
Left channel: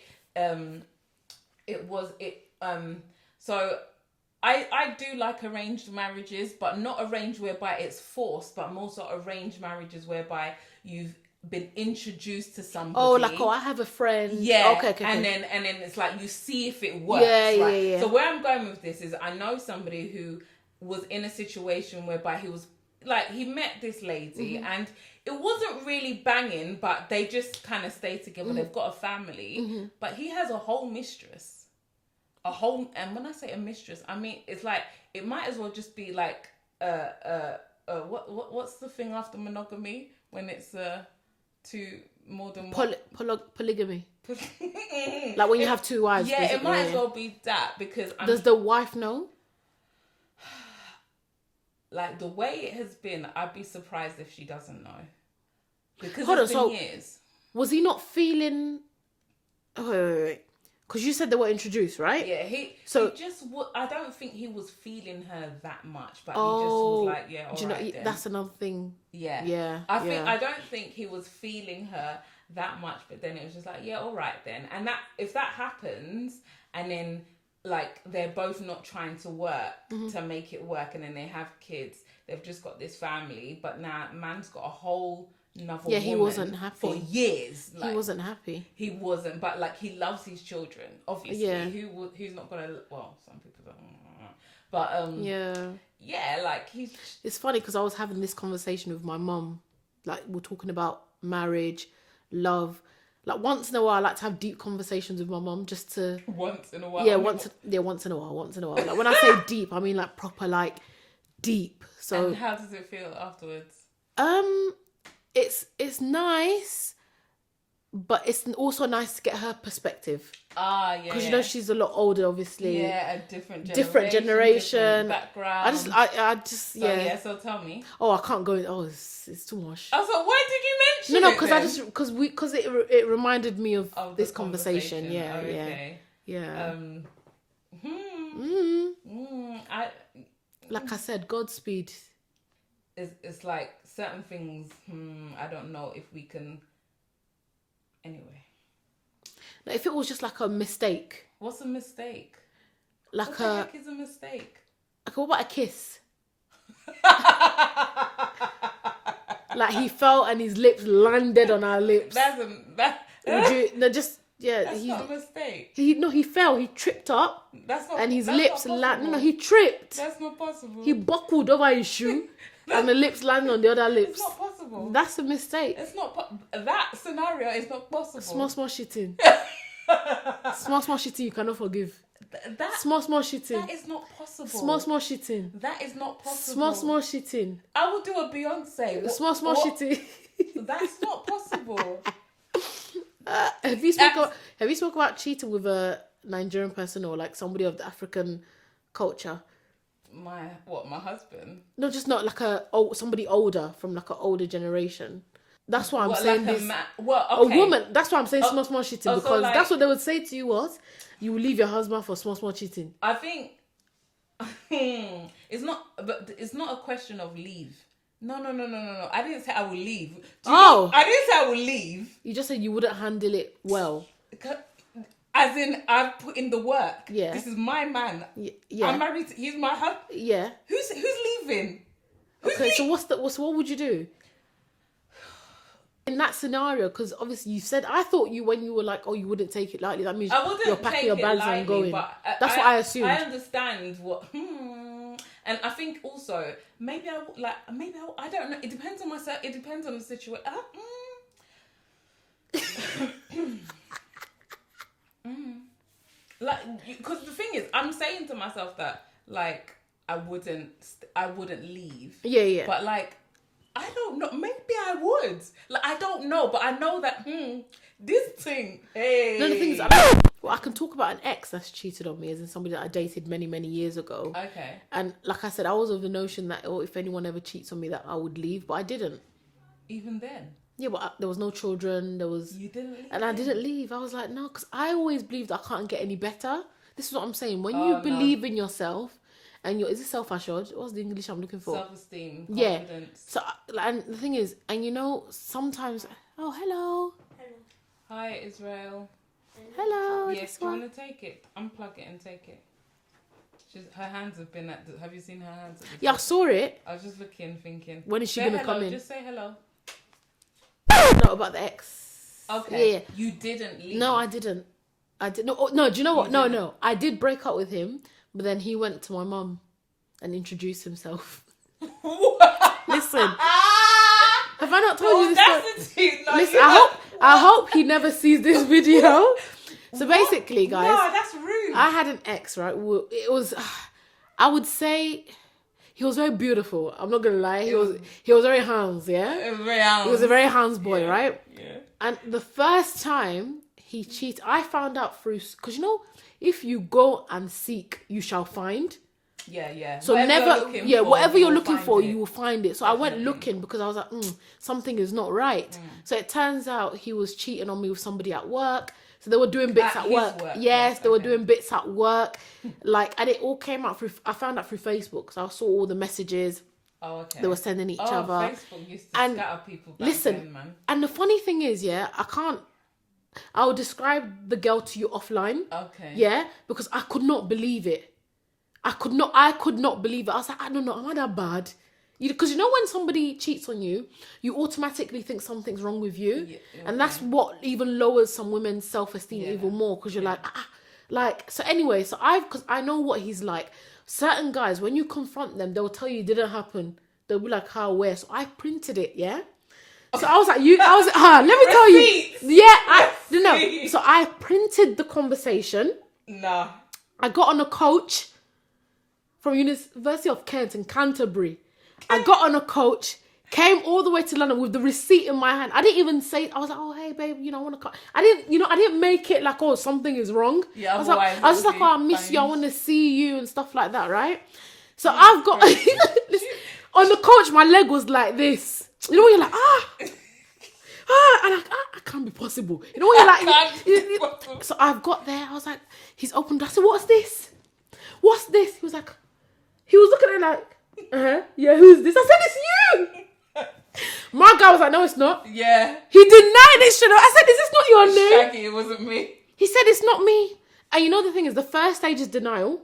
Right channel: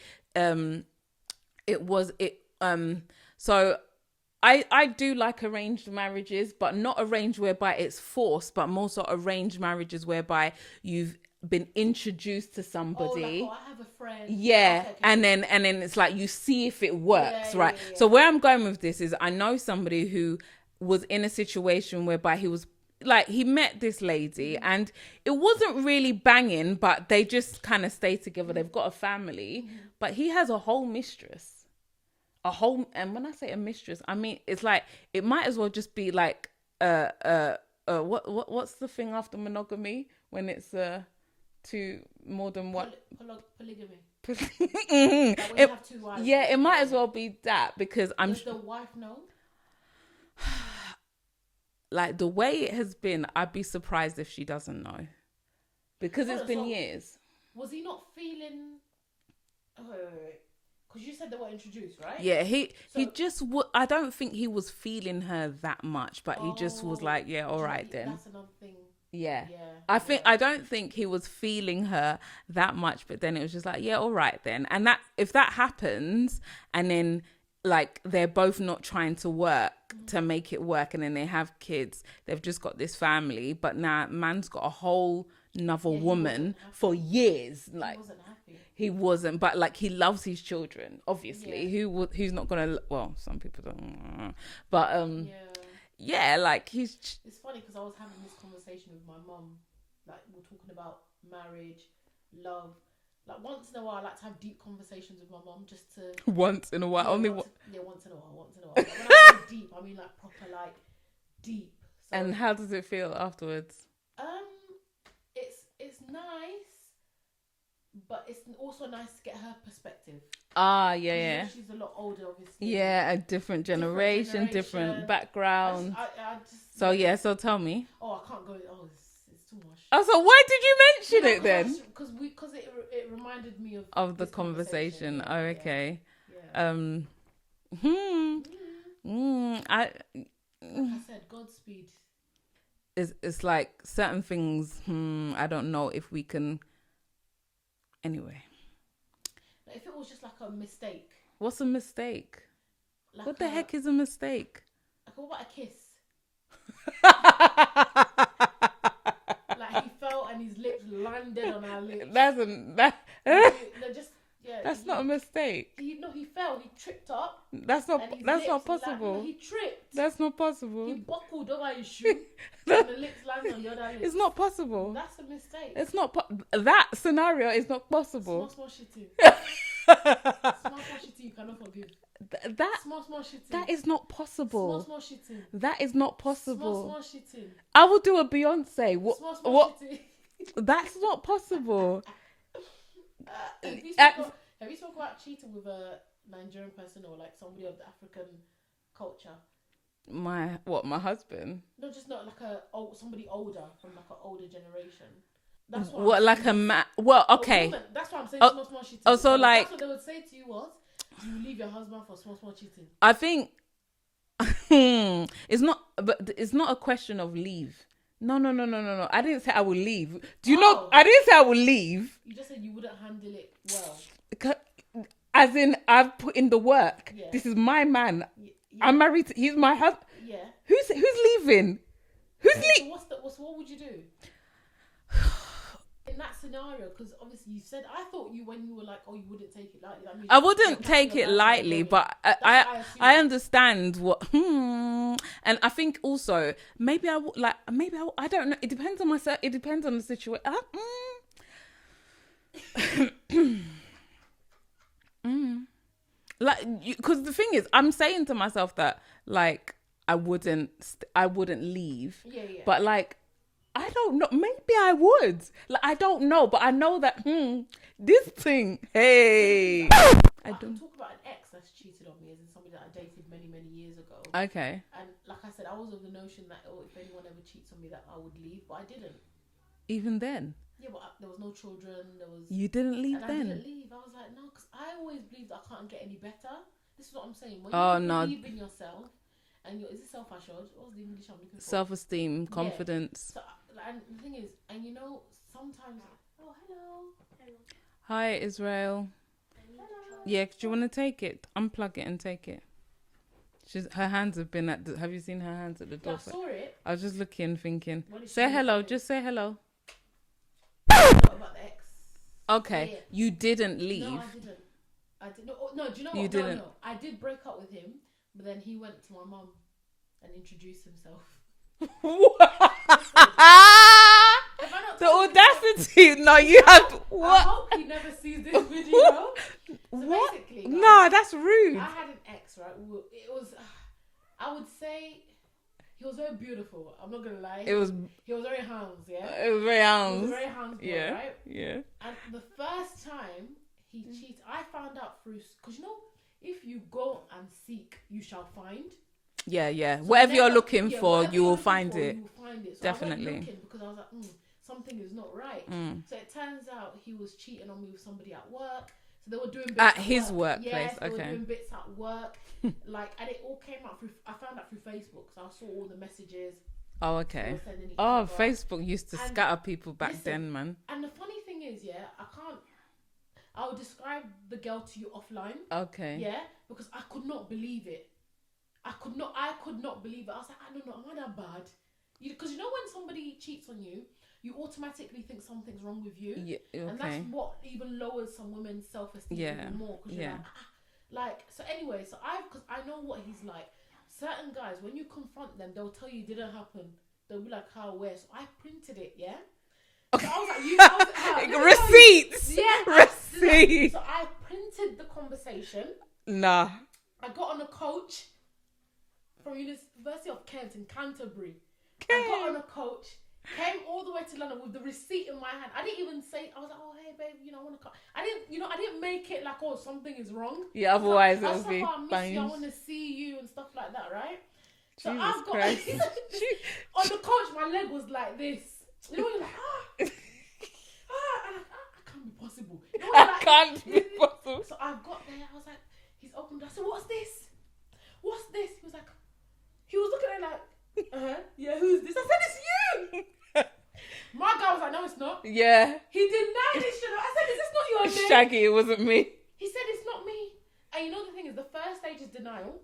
so I do like arranged marriages, but not arranged whereby it's forced, but more so arranged marriages whereby you've been introduced to somebody. I have a friend. Yeah. Okay. And then it's like, you see if it works, right? Yeah. So where I'm going with this is, I know somebody who was in a situation whereby he was like, he met this lady and it wasn't really banging, but they just kind of stayed together. They've got a family, but he has a whole mistress, and when I say a mistress, I mean, it's like, it might as well just be like, what's the thing after monogamy when it's more than one? Polygamy. Like when you have two wives. Yeah, it might as well be that, because does the wife know? Like, the way it has been, I'd be surprised if she doesn't know. Because was he not feeling... Wait. Because you said they were introduced, right? Yeah, I don't think he was feeling her that much, but he just was like, yeah, all right then. That's another thing. Yeah. I don't think he was feeling her that much, but then it was just like, yeah, all right then. And that, if that happens, and then, like, they're both not trying to work to make it work, and then they have kids, they've just got this family, but now man's got a whole another Yeah, he wasn't woman happy. for years. Like, He wasn't happy. He wasn't, but like he loves his children. Obviously, Yeah. who's not gonna? Well, some people don't. But yeah, like he's. It's funny because I was having this conversation with my mum. Like we're talking about marriage, love. Like once in a while, I like to have deep conversations with my mum just to. Once in a while. Yeah, once in a while. Like when I say deep, I mean like proper, like deep. So. And how does it feel afterwards? It's nice, but it's also nice to get her perspective. Ah, yeah. Because you know she's a lot older, obviously. Yeah, a different generation, different background. I just. Yeah. So tell me. Oh, I can't go in. Oh, it's too much. Oh, so why did you mention it? Because it reminded me of this conversation. Yeah. Oh, okay. Yeah. Like I said, Godspeed. It's like certain things. I don't know if we can. Anyway. Like if it was just like a mistake. What's a mistake? Like what the heck is a mistake? Like what about a kiss? Like he fell and his lips landed on our lips. That's not a mistake. He fell. He tripped up. That's not. And his that's lips not landed. No, he tripped. That's not possible. He buckled over his shoe, and the lips landed on the other lips. It's not possible. That's a mistake. It's not. That scenario is not possible. Small shitting. small shitting. You cannot forgive. That small shitting. That is not possible. Small shitting. That is not possible. Small shitting. I will do a Beyonce. Small shitting. That's not possible. Have you spoken about cheating with a Nigerian person or like somebody of the African culture? My husband? No, just not like somebody older from like an older generation. That's what I'm what, saying. Like a man? Well, okay. A woman. That's why I'm saying small shitting. Oh, so like, that's what they would say to you was, you will leave your husband for small cheating. I think it's not, but it's not a question of leave. No. I didn't say I will leave. Do you know? I didn't say I will leave. You just said you wouldn't handle it well. As in, I've put in the work. Yeah. This is my man. Yeah. I'm married. He's my husband. Yeah. Who's leaving? So what would you do? In that scenario, because obviously you said, I thought when you were like, oh, you wouldn't take it lightly. That means I wouldn't take it lightly, but that's what I assumed. I understand what, and I think also maybe I don't know. It depends on myself. It depends on the situation. Like, because the thing is, I'm saying to myself that like I wouldn't leave. Yeah. But like, I don't know. Maybe I would. Like, I don't know, but I know that this thing. Hey. I can talk about an ex that's cheated on me, as in somebody that I dated many years ago. Okay. And like I said, I was of the notion that if anyone ever cheats on me, that I would leave, but I didn't. Even then. Yeah, but there was no children. You didn't leave. And then? I didn't leave. I was like, no, because I always believed I can't get any better. This is what I'm saying. When you believe in yourself. And is it self-assured? What's the English I'm looking for? Self-esteem, confidence. Yeah. So, and the thing is, and sometimes, oh, hello. Hi, Israel. Hello. Yeah, do you want to take it? Unplug it and take it. Her hands have been have you seen her hands at the Yeah, I saw it. I was just looking, thinking. When is she say gonna hello, come in? just say hello. No, about the ex. Okay. Yeah. You didn't leave. No, I didn't. No, do you know what? No. I did break up with him. But then he went to my mum and introduced himself. Listen, have I not told you this? No, listen, I hope he never sees this video. So basically, guys, no, that's rude. I had an ex, right? It was, I would say, he was very beautiful. I'm not gonna lie. He was very hands, yeah. He was a very hands boy, yeah, right? Yeah. And the first time he cheated, I found out through, because if you go and seek, you shall find. Yeah. So whatever you're looking for, whatever you're looking for, it. you will find it. So Definitely. I went looking because I was like, something is not right. So it turns out he was cheating on me with somebody at work. So they were doing bits at work. Yes, they were doing bits at work. And it all came out I found out through Facebook. So I saw all the messages. Oh, okay. They were sending each other. Facebook used to scatter people back then, man. And the funny thing is, I'll describe the girl to you offline. Okay. Yeah, because I could not believe it. I could not believe it. I was like, I don't know, am I that bad? Because you know when somebody cheats on you, you automatically think something's wrong with you. Yeah, okay. And that's what even lowers some women's self-esteem even more. Because you're like, so anyway, because I know what he's like. Certain guys, when you confront them, they'll tell you it didn't happen. They'll be like, how, where? So I printed it, yeah? So I was like, let me tell you. Yeah, So I printed the conversation. Nah. I got on a coach from University of Kent in Canterbury. I got on a coach, came all the way to London with the receipt in my hand. I didn't even say, I was like, oh, hey, babe, I want to come. I didn't make it like, oh, something is wrong. Yeah, I was just like, oh, I miss you. I want to see you and stuff like that, right? So I've got, on the coach, my leg was like this. You know when you're like, and I can't be possible. You know when you're like, so I've got there. I was like, he's opened. I said, what's this? What's this? He was looking at it like, yeah, who's this? I said, it's you. My guy was like, no, it's not. Yeah. He denied it straight up. I said, is this not your name? Shaggy, it wasn't me. He said, it's not me. And you know the thing is, the first stage is denial.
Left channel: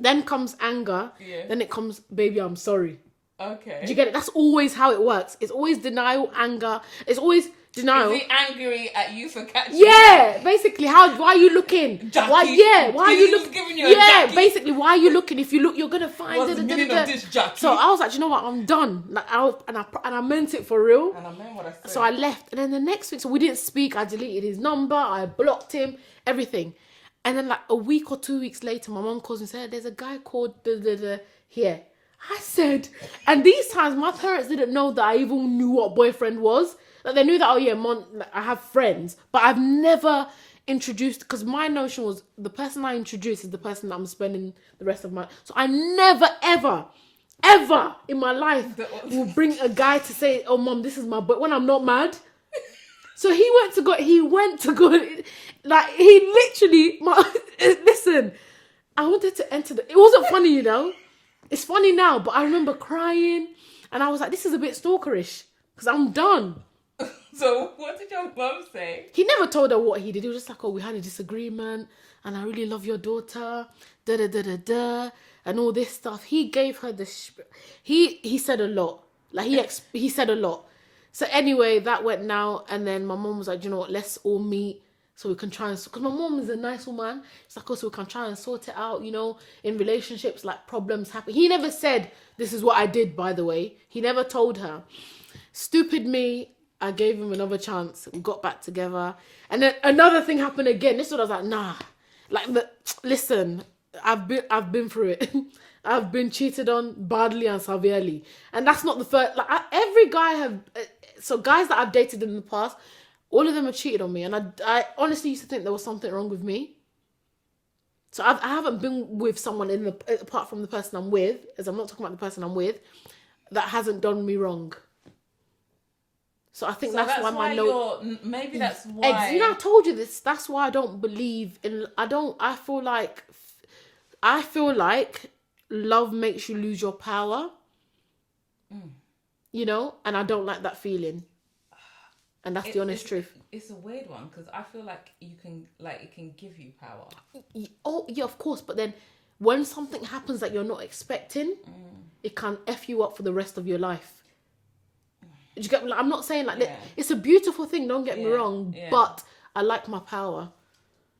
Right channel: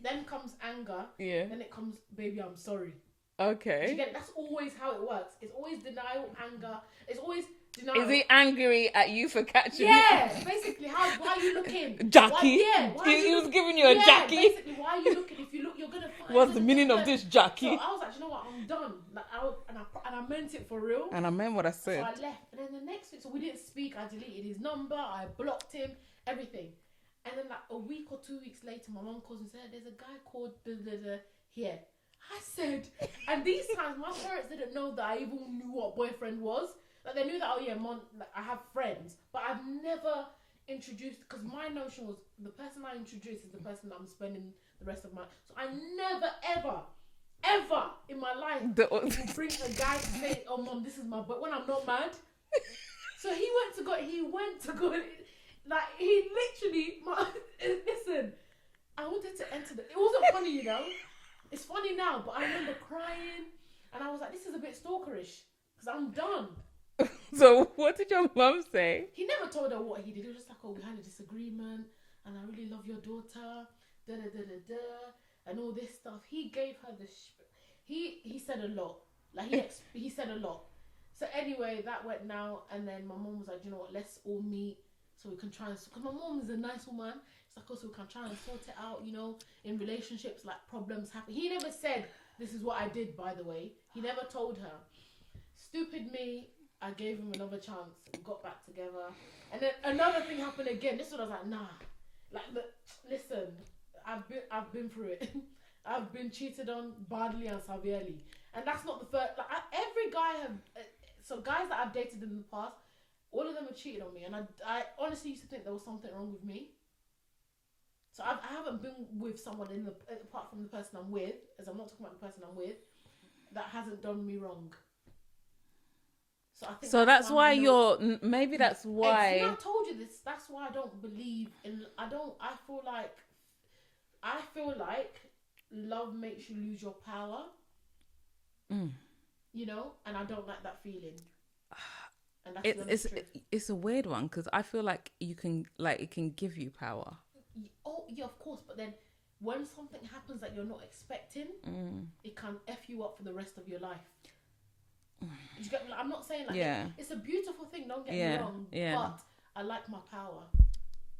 Then comes anger. Yeah. Then it comes, baby, I'm sorry. Okay. Do you get it? That's always how it works. It's always denial, anger. It's always denial. Is he angry at you for catching? Yeah, basically, why are you looking? Jackie. Why are you looking? Giving you a Jackie. Basically, why are you looking? If you look, you're gonna find. What's the meaning of this, Jackie? So I was like, you know what? I'm done. Like, I meant it for real. And I meant what I said. So I left, and then the next week, so we didn't speak. I deleted his number. I blocked him. Everything. And then like a week or 2 weeks later, my mom calls me and said, "There's a guy called here." I said, and these times my parents didn't know that I even knew what boyfriend was. Like they knew that, oh yeah, Mon, like, I have friends, but I've never introduced, because my notion was the person I introduce is the person that I'm spending the rest of my. So I never ever in my life will bring a guy to say, oh mom, this is my boy, when I'm not mad. So he went to go, like he literally, listen, I wanted to enter it wasn't funny, you know. It's funny now, but I remember crying and I was like, this is a bit stalkerish because I'm done. So what did your mum say? He never told her what he did. He was just like, oh, we had a disagreement and I really love your daughter, and all this stuff. He gave her the... He said a lot. Like, he said a lot. So anyway, that went now, and then my mum was like, you know what, let's all meet so we can try and... Because my mum is a nice woman. It's like, oh, so we can try and sort it out, you know, in relationships, like, problems happen. He never said, this is what I did, by the way. He never told her. Stupid me, I gave him another chance. We got back together. And then another thing happened again. This one I was like, nah. Like, listen, I've been through it. I've been cheated on badly and severely. And that's not the first... Like, every guy have... So guys that I've dated in the past, all of them have cheated on me. And I honestly used to think there was something wrong with me. So I haven't been with someone apart from the person I'm with, as I'm not talking about the person I'm with, that hasn't done me wrong. So I think that's why you're... Maybe that's why... You know, I told you this. That's why I don't believe in... I feel like love makes you lose your power. You know? And I don't like that feeling. And that's the honest truth. It's a weird one because I feel like you can... Like, it can give you power. Oh, yeah, of course. But then when something happens that you're not expecting, it can F you up for the rest of your life. Do you get, like, I'm not saying like that. It's a beautiful thing, don't get me wrong, but I like my power.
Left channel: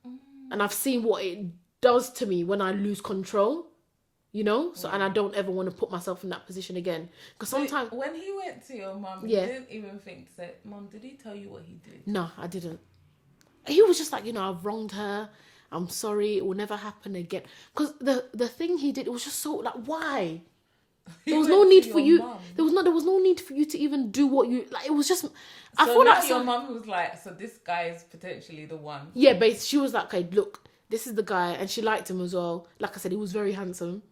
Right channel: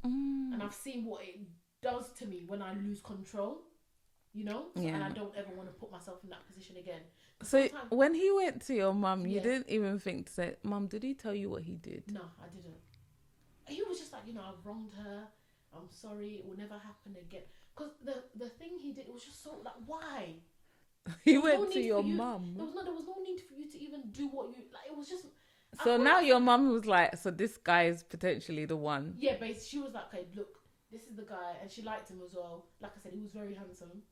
And I've seen what it does to me when I lose control, you know? So and I don't ever want to put myself in that position again. Because sometimes... When he went to your mum, you didn't even think to say, Mum, did he tell you what he did? No, I didn't. He was just like, you know, I've wronged her. I'm sorry. It will never happen again. Because the thing he did, it was just so, like, why? There was no need for you. Mom. There was no need for you to even do what you like. It was just. I feel like your mum was like, so this guy is potentially the one. Yeah, but she was like, okay, look, this is the guy, and she liked him as well. Like I said, he was very handsome.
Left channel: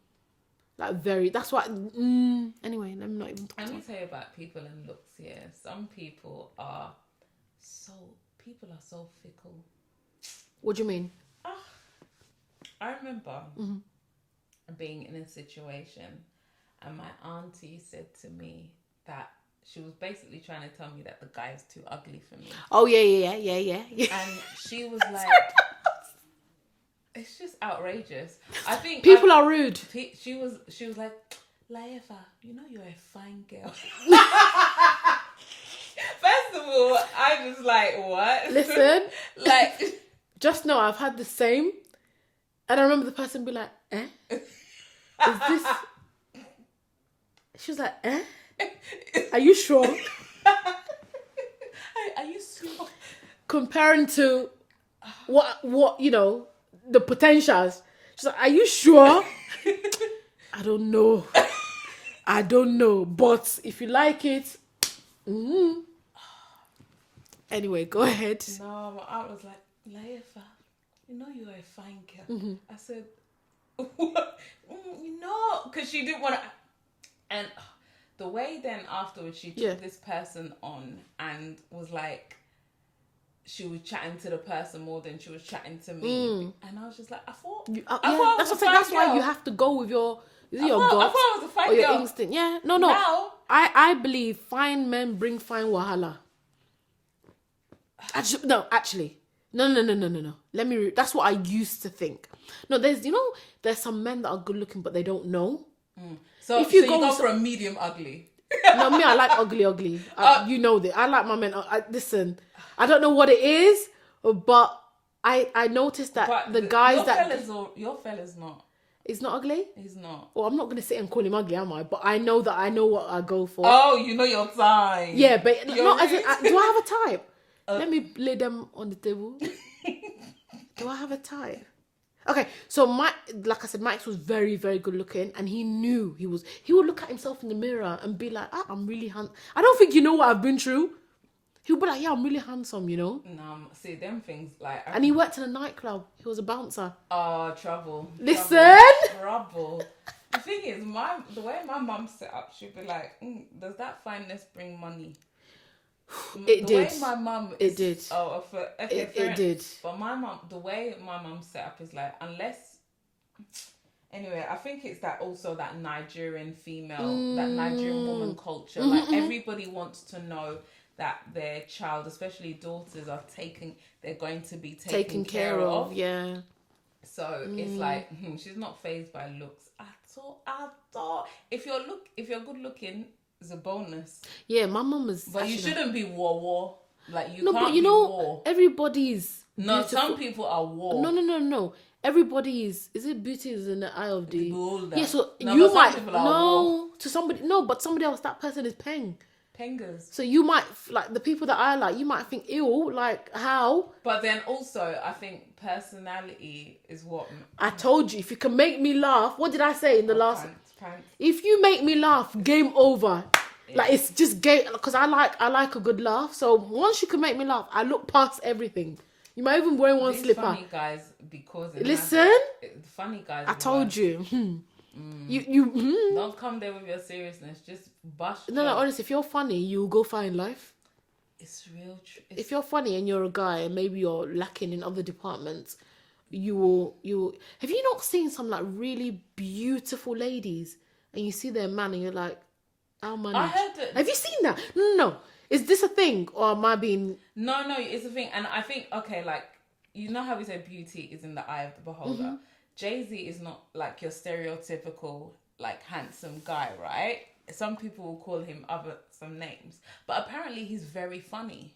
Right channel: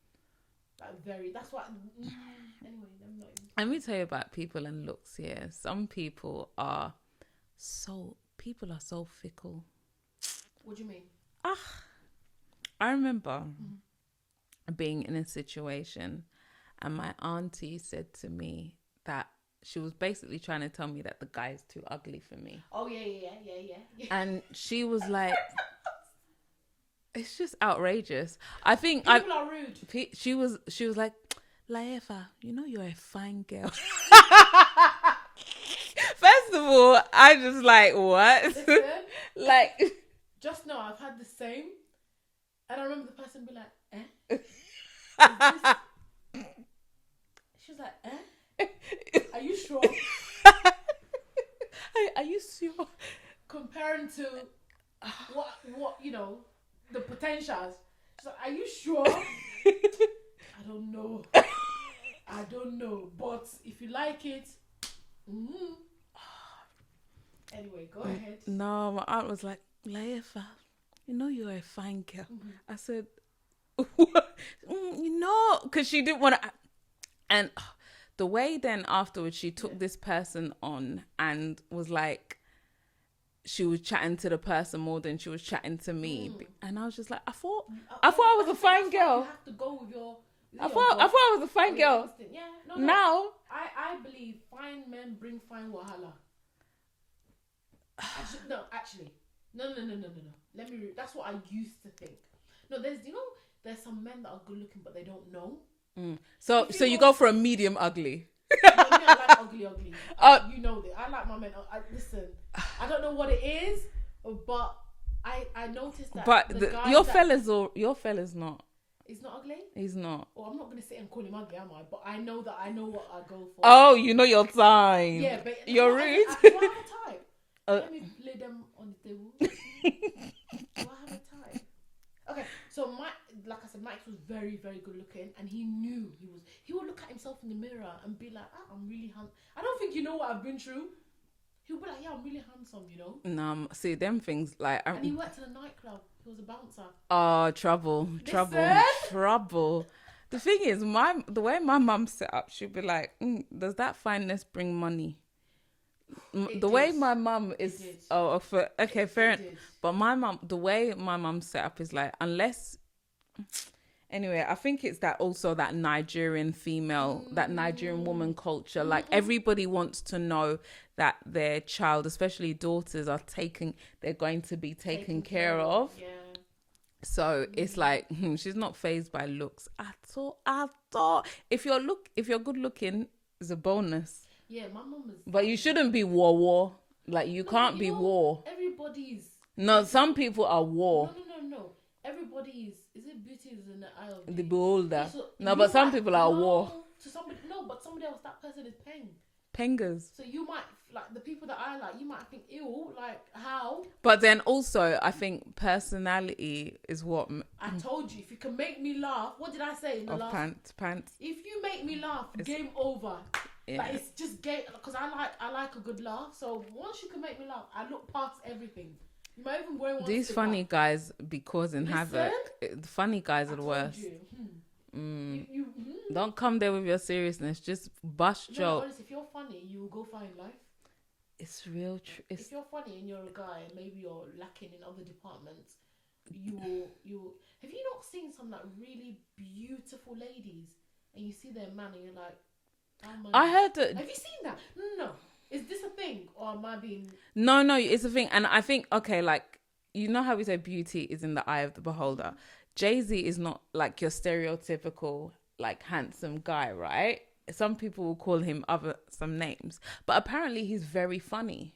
Like very. That's why. Anyway, I'm not even. Let me tell you about people and looks here. Some people are so fickle. What do you mean? I remember being in a situation. And my auntie said to me that she was basically trying to tell me that the guy is too ugly for me. Oh, yeah. And she was like, it's just outrageous. I think people are rude. She was like, Layefa, you know you're a fine girl. First of all, I'm just like, what? Listen, Like, just know I've had the same, and I remember the person be like, Is this? She was like, Are you sure? are you sure? Comparing to what the potentials. She's like, are you sure? I don't know. But if you like it, Anyway, go ahead. No, my aunt was like, Layefa, you know you're a fine girl. Mm-hmm. I said, what? Because she didn't want to. And the way then afterwards she took this person on and was like, she was chatting to the person more than she was chatting to me. And I was just like, I thought I was a fine girl. That's why you have to go with your gut. I thought I was a fine girl. Your instinct. Yeah. No. Now, I believe fine men bring fine wahala. Actually. No. Let me that's what I used to think. No, there's some men that are good looking but they don't know. So you go for a medium ugly. No, me, I like ugly. You know that. I like my men. Listen, I don't know what it is, but I noticed that the guys your fella's not. He's not ugly? He's not. Well, I'm not going to sit and call him ugly, am I? But I know what I go for. Oh, you know your type. Yeah, but do I have a type? Let me lay them on the table. Do I have a type? Okay, so like I said, Mike was very, very good looking, and he knew he would look at himself in the mirror and be like, I'm really handsome. I don't think you know what I've been through. He would be like, yeah, I'm really handsome, No, see, them things, like... And he worked in a nightclub. He was a bouncer. Oh, trouble. Listen! Trouble. The thing is, the way my mum set up, she'd be like, does that fineness bring money? The way my mum is... It did. Oh, fair enough. It did. But the way my mum set up is like, unless... Anyway, I think it's that Nigerian female, that Nigerian woman culture. Mm-hmm. Like, everybody wants to know that their child, especially daughters, they're going to be taken care of. Yeah. So it's like, she's not fazed by looks at all. If you're good looking, it's a bonus. Yeah, my mum is. But you shouldn't be war. Like, you can't be war. Everybody's. No, some people are war. No. Everybody is it beauty is in the eye of the beholder. Yeah, so but some people are war. To somebody, no, but somebody else, that person is Pengers. So you might, like, the people that I like, you might think, ew, like, how? But then also, I think personality is what... I told you, if you can make me laugh, what did I say in the last... Pants. If you make me laugh, game over. Yeah. Like, it's just game... Because I like a good laugh. So once you can make me laugh, I look past everything. You might even wear one slipper. These funny guys, because... Listen. The funny guys I told you. You don't come there with your seriousness. Just bust. No, honestly, if you're funny, you'll go far in life. It's real. If you're funny and you're a guy and maybe you're lacking in other departments, you will. Have you not seen some like really beautiful ladies and you see their man and you're like, I'll manage. I heard that. Have you seen that? No. Is this a thing or am I being? No, it's a thing, and I think like you know how we say beauty is in the eye of the beholder. Mm-hmm. Jay-Z is not like your stereotypical like handsome guy, right? Some people will call him some names, but apparently he's very funny.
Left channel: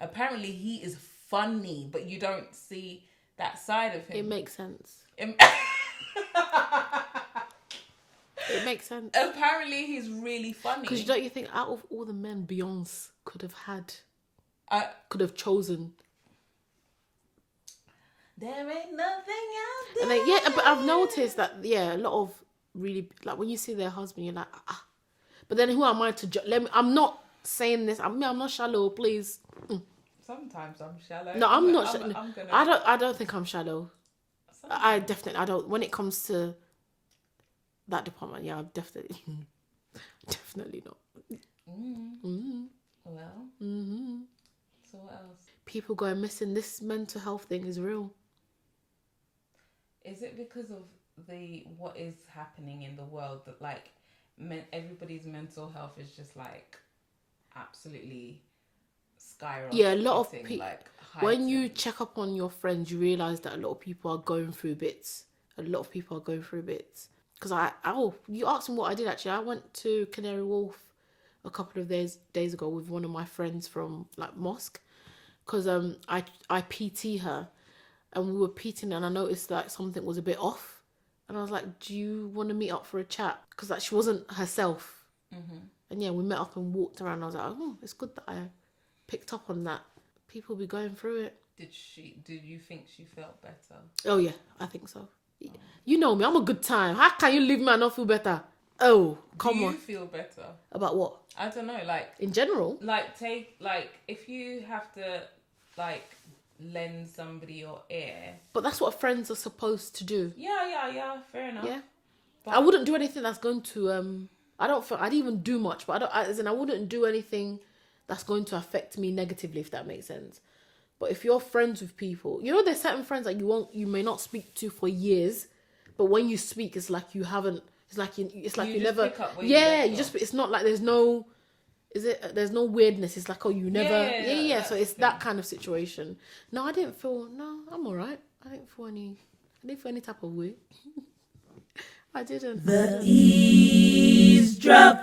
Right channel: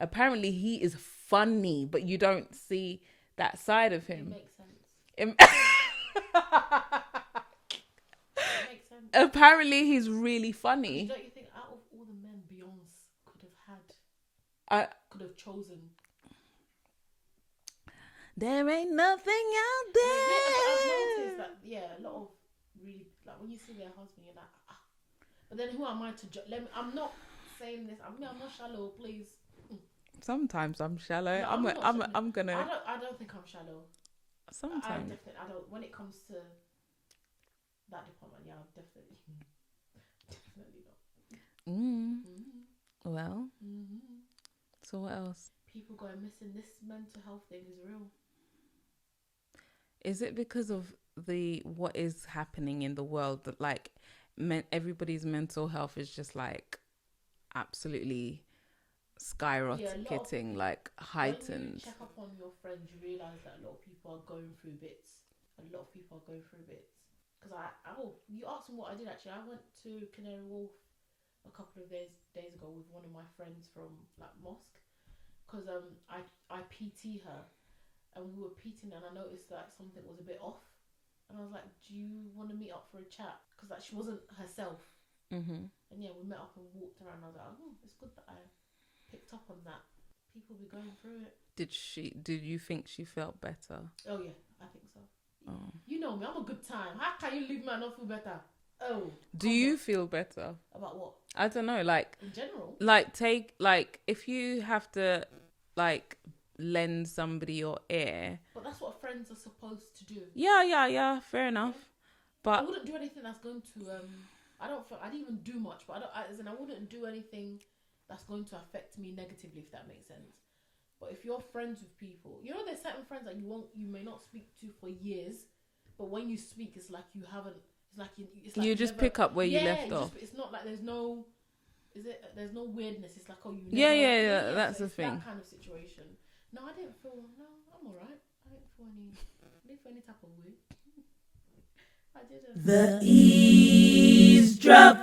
Apparently he is funny, but you don't see that side of him. It makes sense. It makes sense. Apparently he's really funny. Because don't you think out of all the men Beyonce could have chosen? There ain't nothing out there. Yeah, but I've noticed that, a lot of really, like, when you see their husband, you're like, ah. But then who am I to judge? I'm not saying this. I'm not shallow, please. Sometimes I'm shallow. No, I'm not. I don't think I'm shallow. Sometimes. I don't. When it comes to that department, I'm definitely not. Well. So what else? People going missing. This mental health thing is real. Is it because of what is happening in the world that like everybody's mental health is just like absolutely skyrocketing? Yeah, a lot of people. Like when you check up on your friends, you realize that a lot of people are going through bits. because you asked me what I did actually. I went to Canary Wharf a couple of days ago with one of my friends from like mosque, because I PT her, and we were PTing, and I noticed that something was a bit off, and I was like, do you want to meet up for a chat? Because like she wasn't herself. And yeah, we met up and walked around. I was like, oh, it's good that I picked up on that. People be going through it. Did you think she felt better? Oh yeah, I think so. Oh. You know me, I'm a good time. How can you leave me and not feel better? Oh, come on. Do you feel better? About what? I don't know, like... In general? Like, if you have to, like, lend somebody your ear... But that's what friends are supposed to do. Yeah, fair enough. Yeah. But I wouldn't do anything that's going to... I didn't even do much, but I wouldn't do anything that's going to affect me negatively, if that makes sense. But if you're friends with people, you know, there's certain friends that you may not speak to for years, but when you speak, it's like you haven't. It's like you just never pick up where you left off. It's not like there's no weirdness. It's like, oh, you never. Yeah. So it's that kind of situation. No, I didn't feel. No, I'm all right. I didn't feel any type of way. I didn't. The eavesdrop.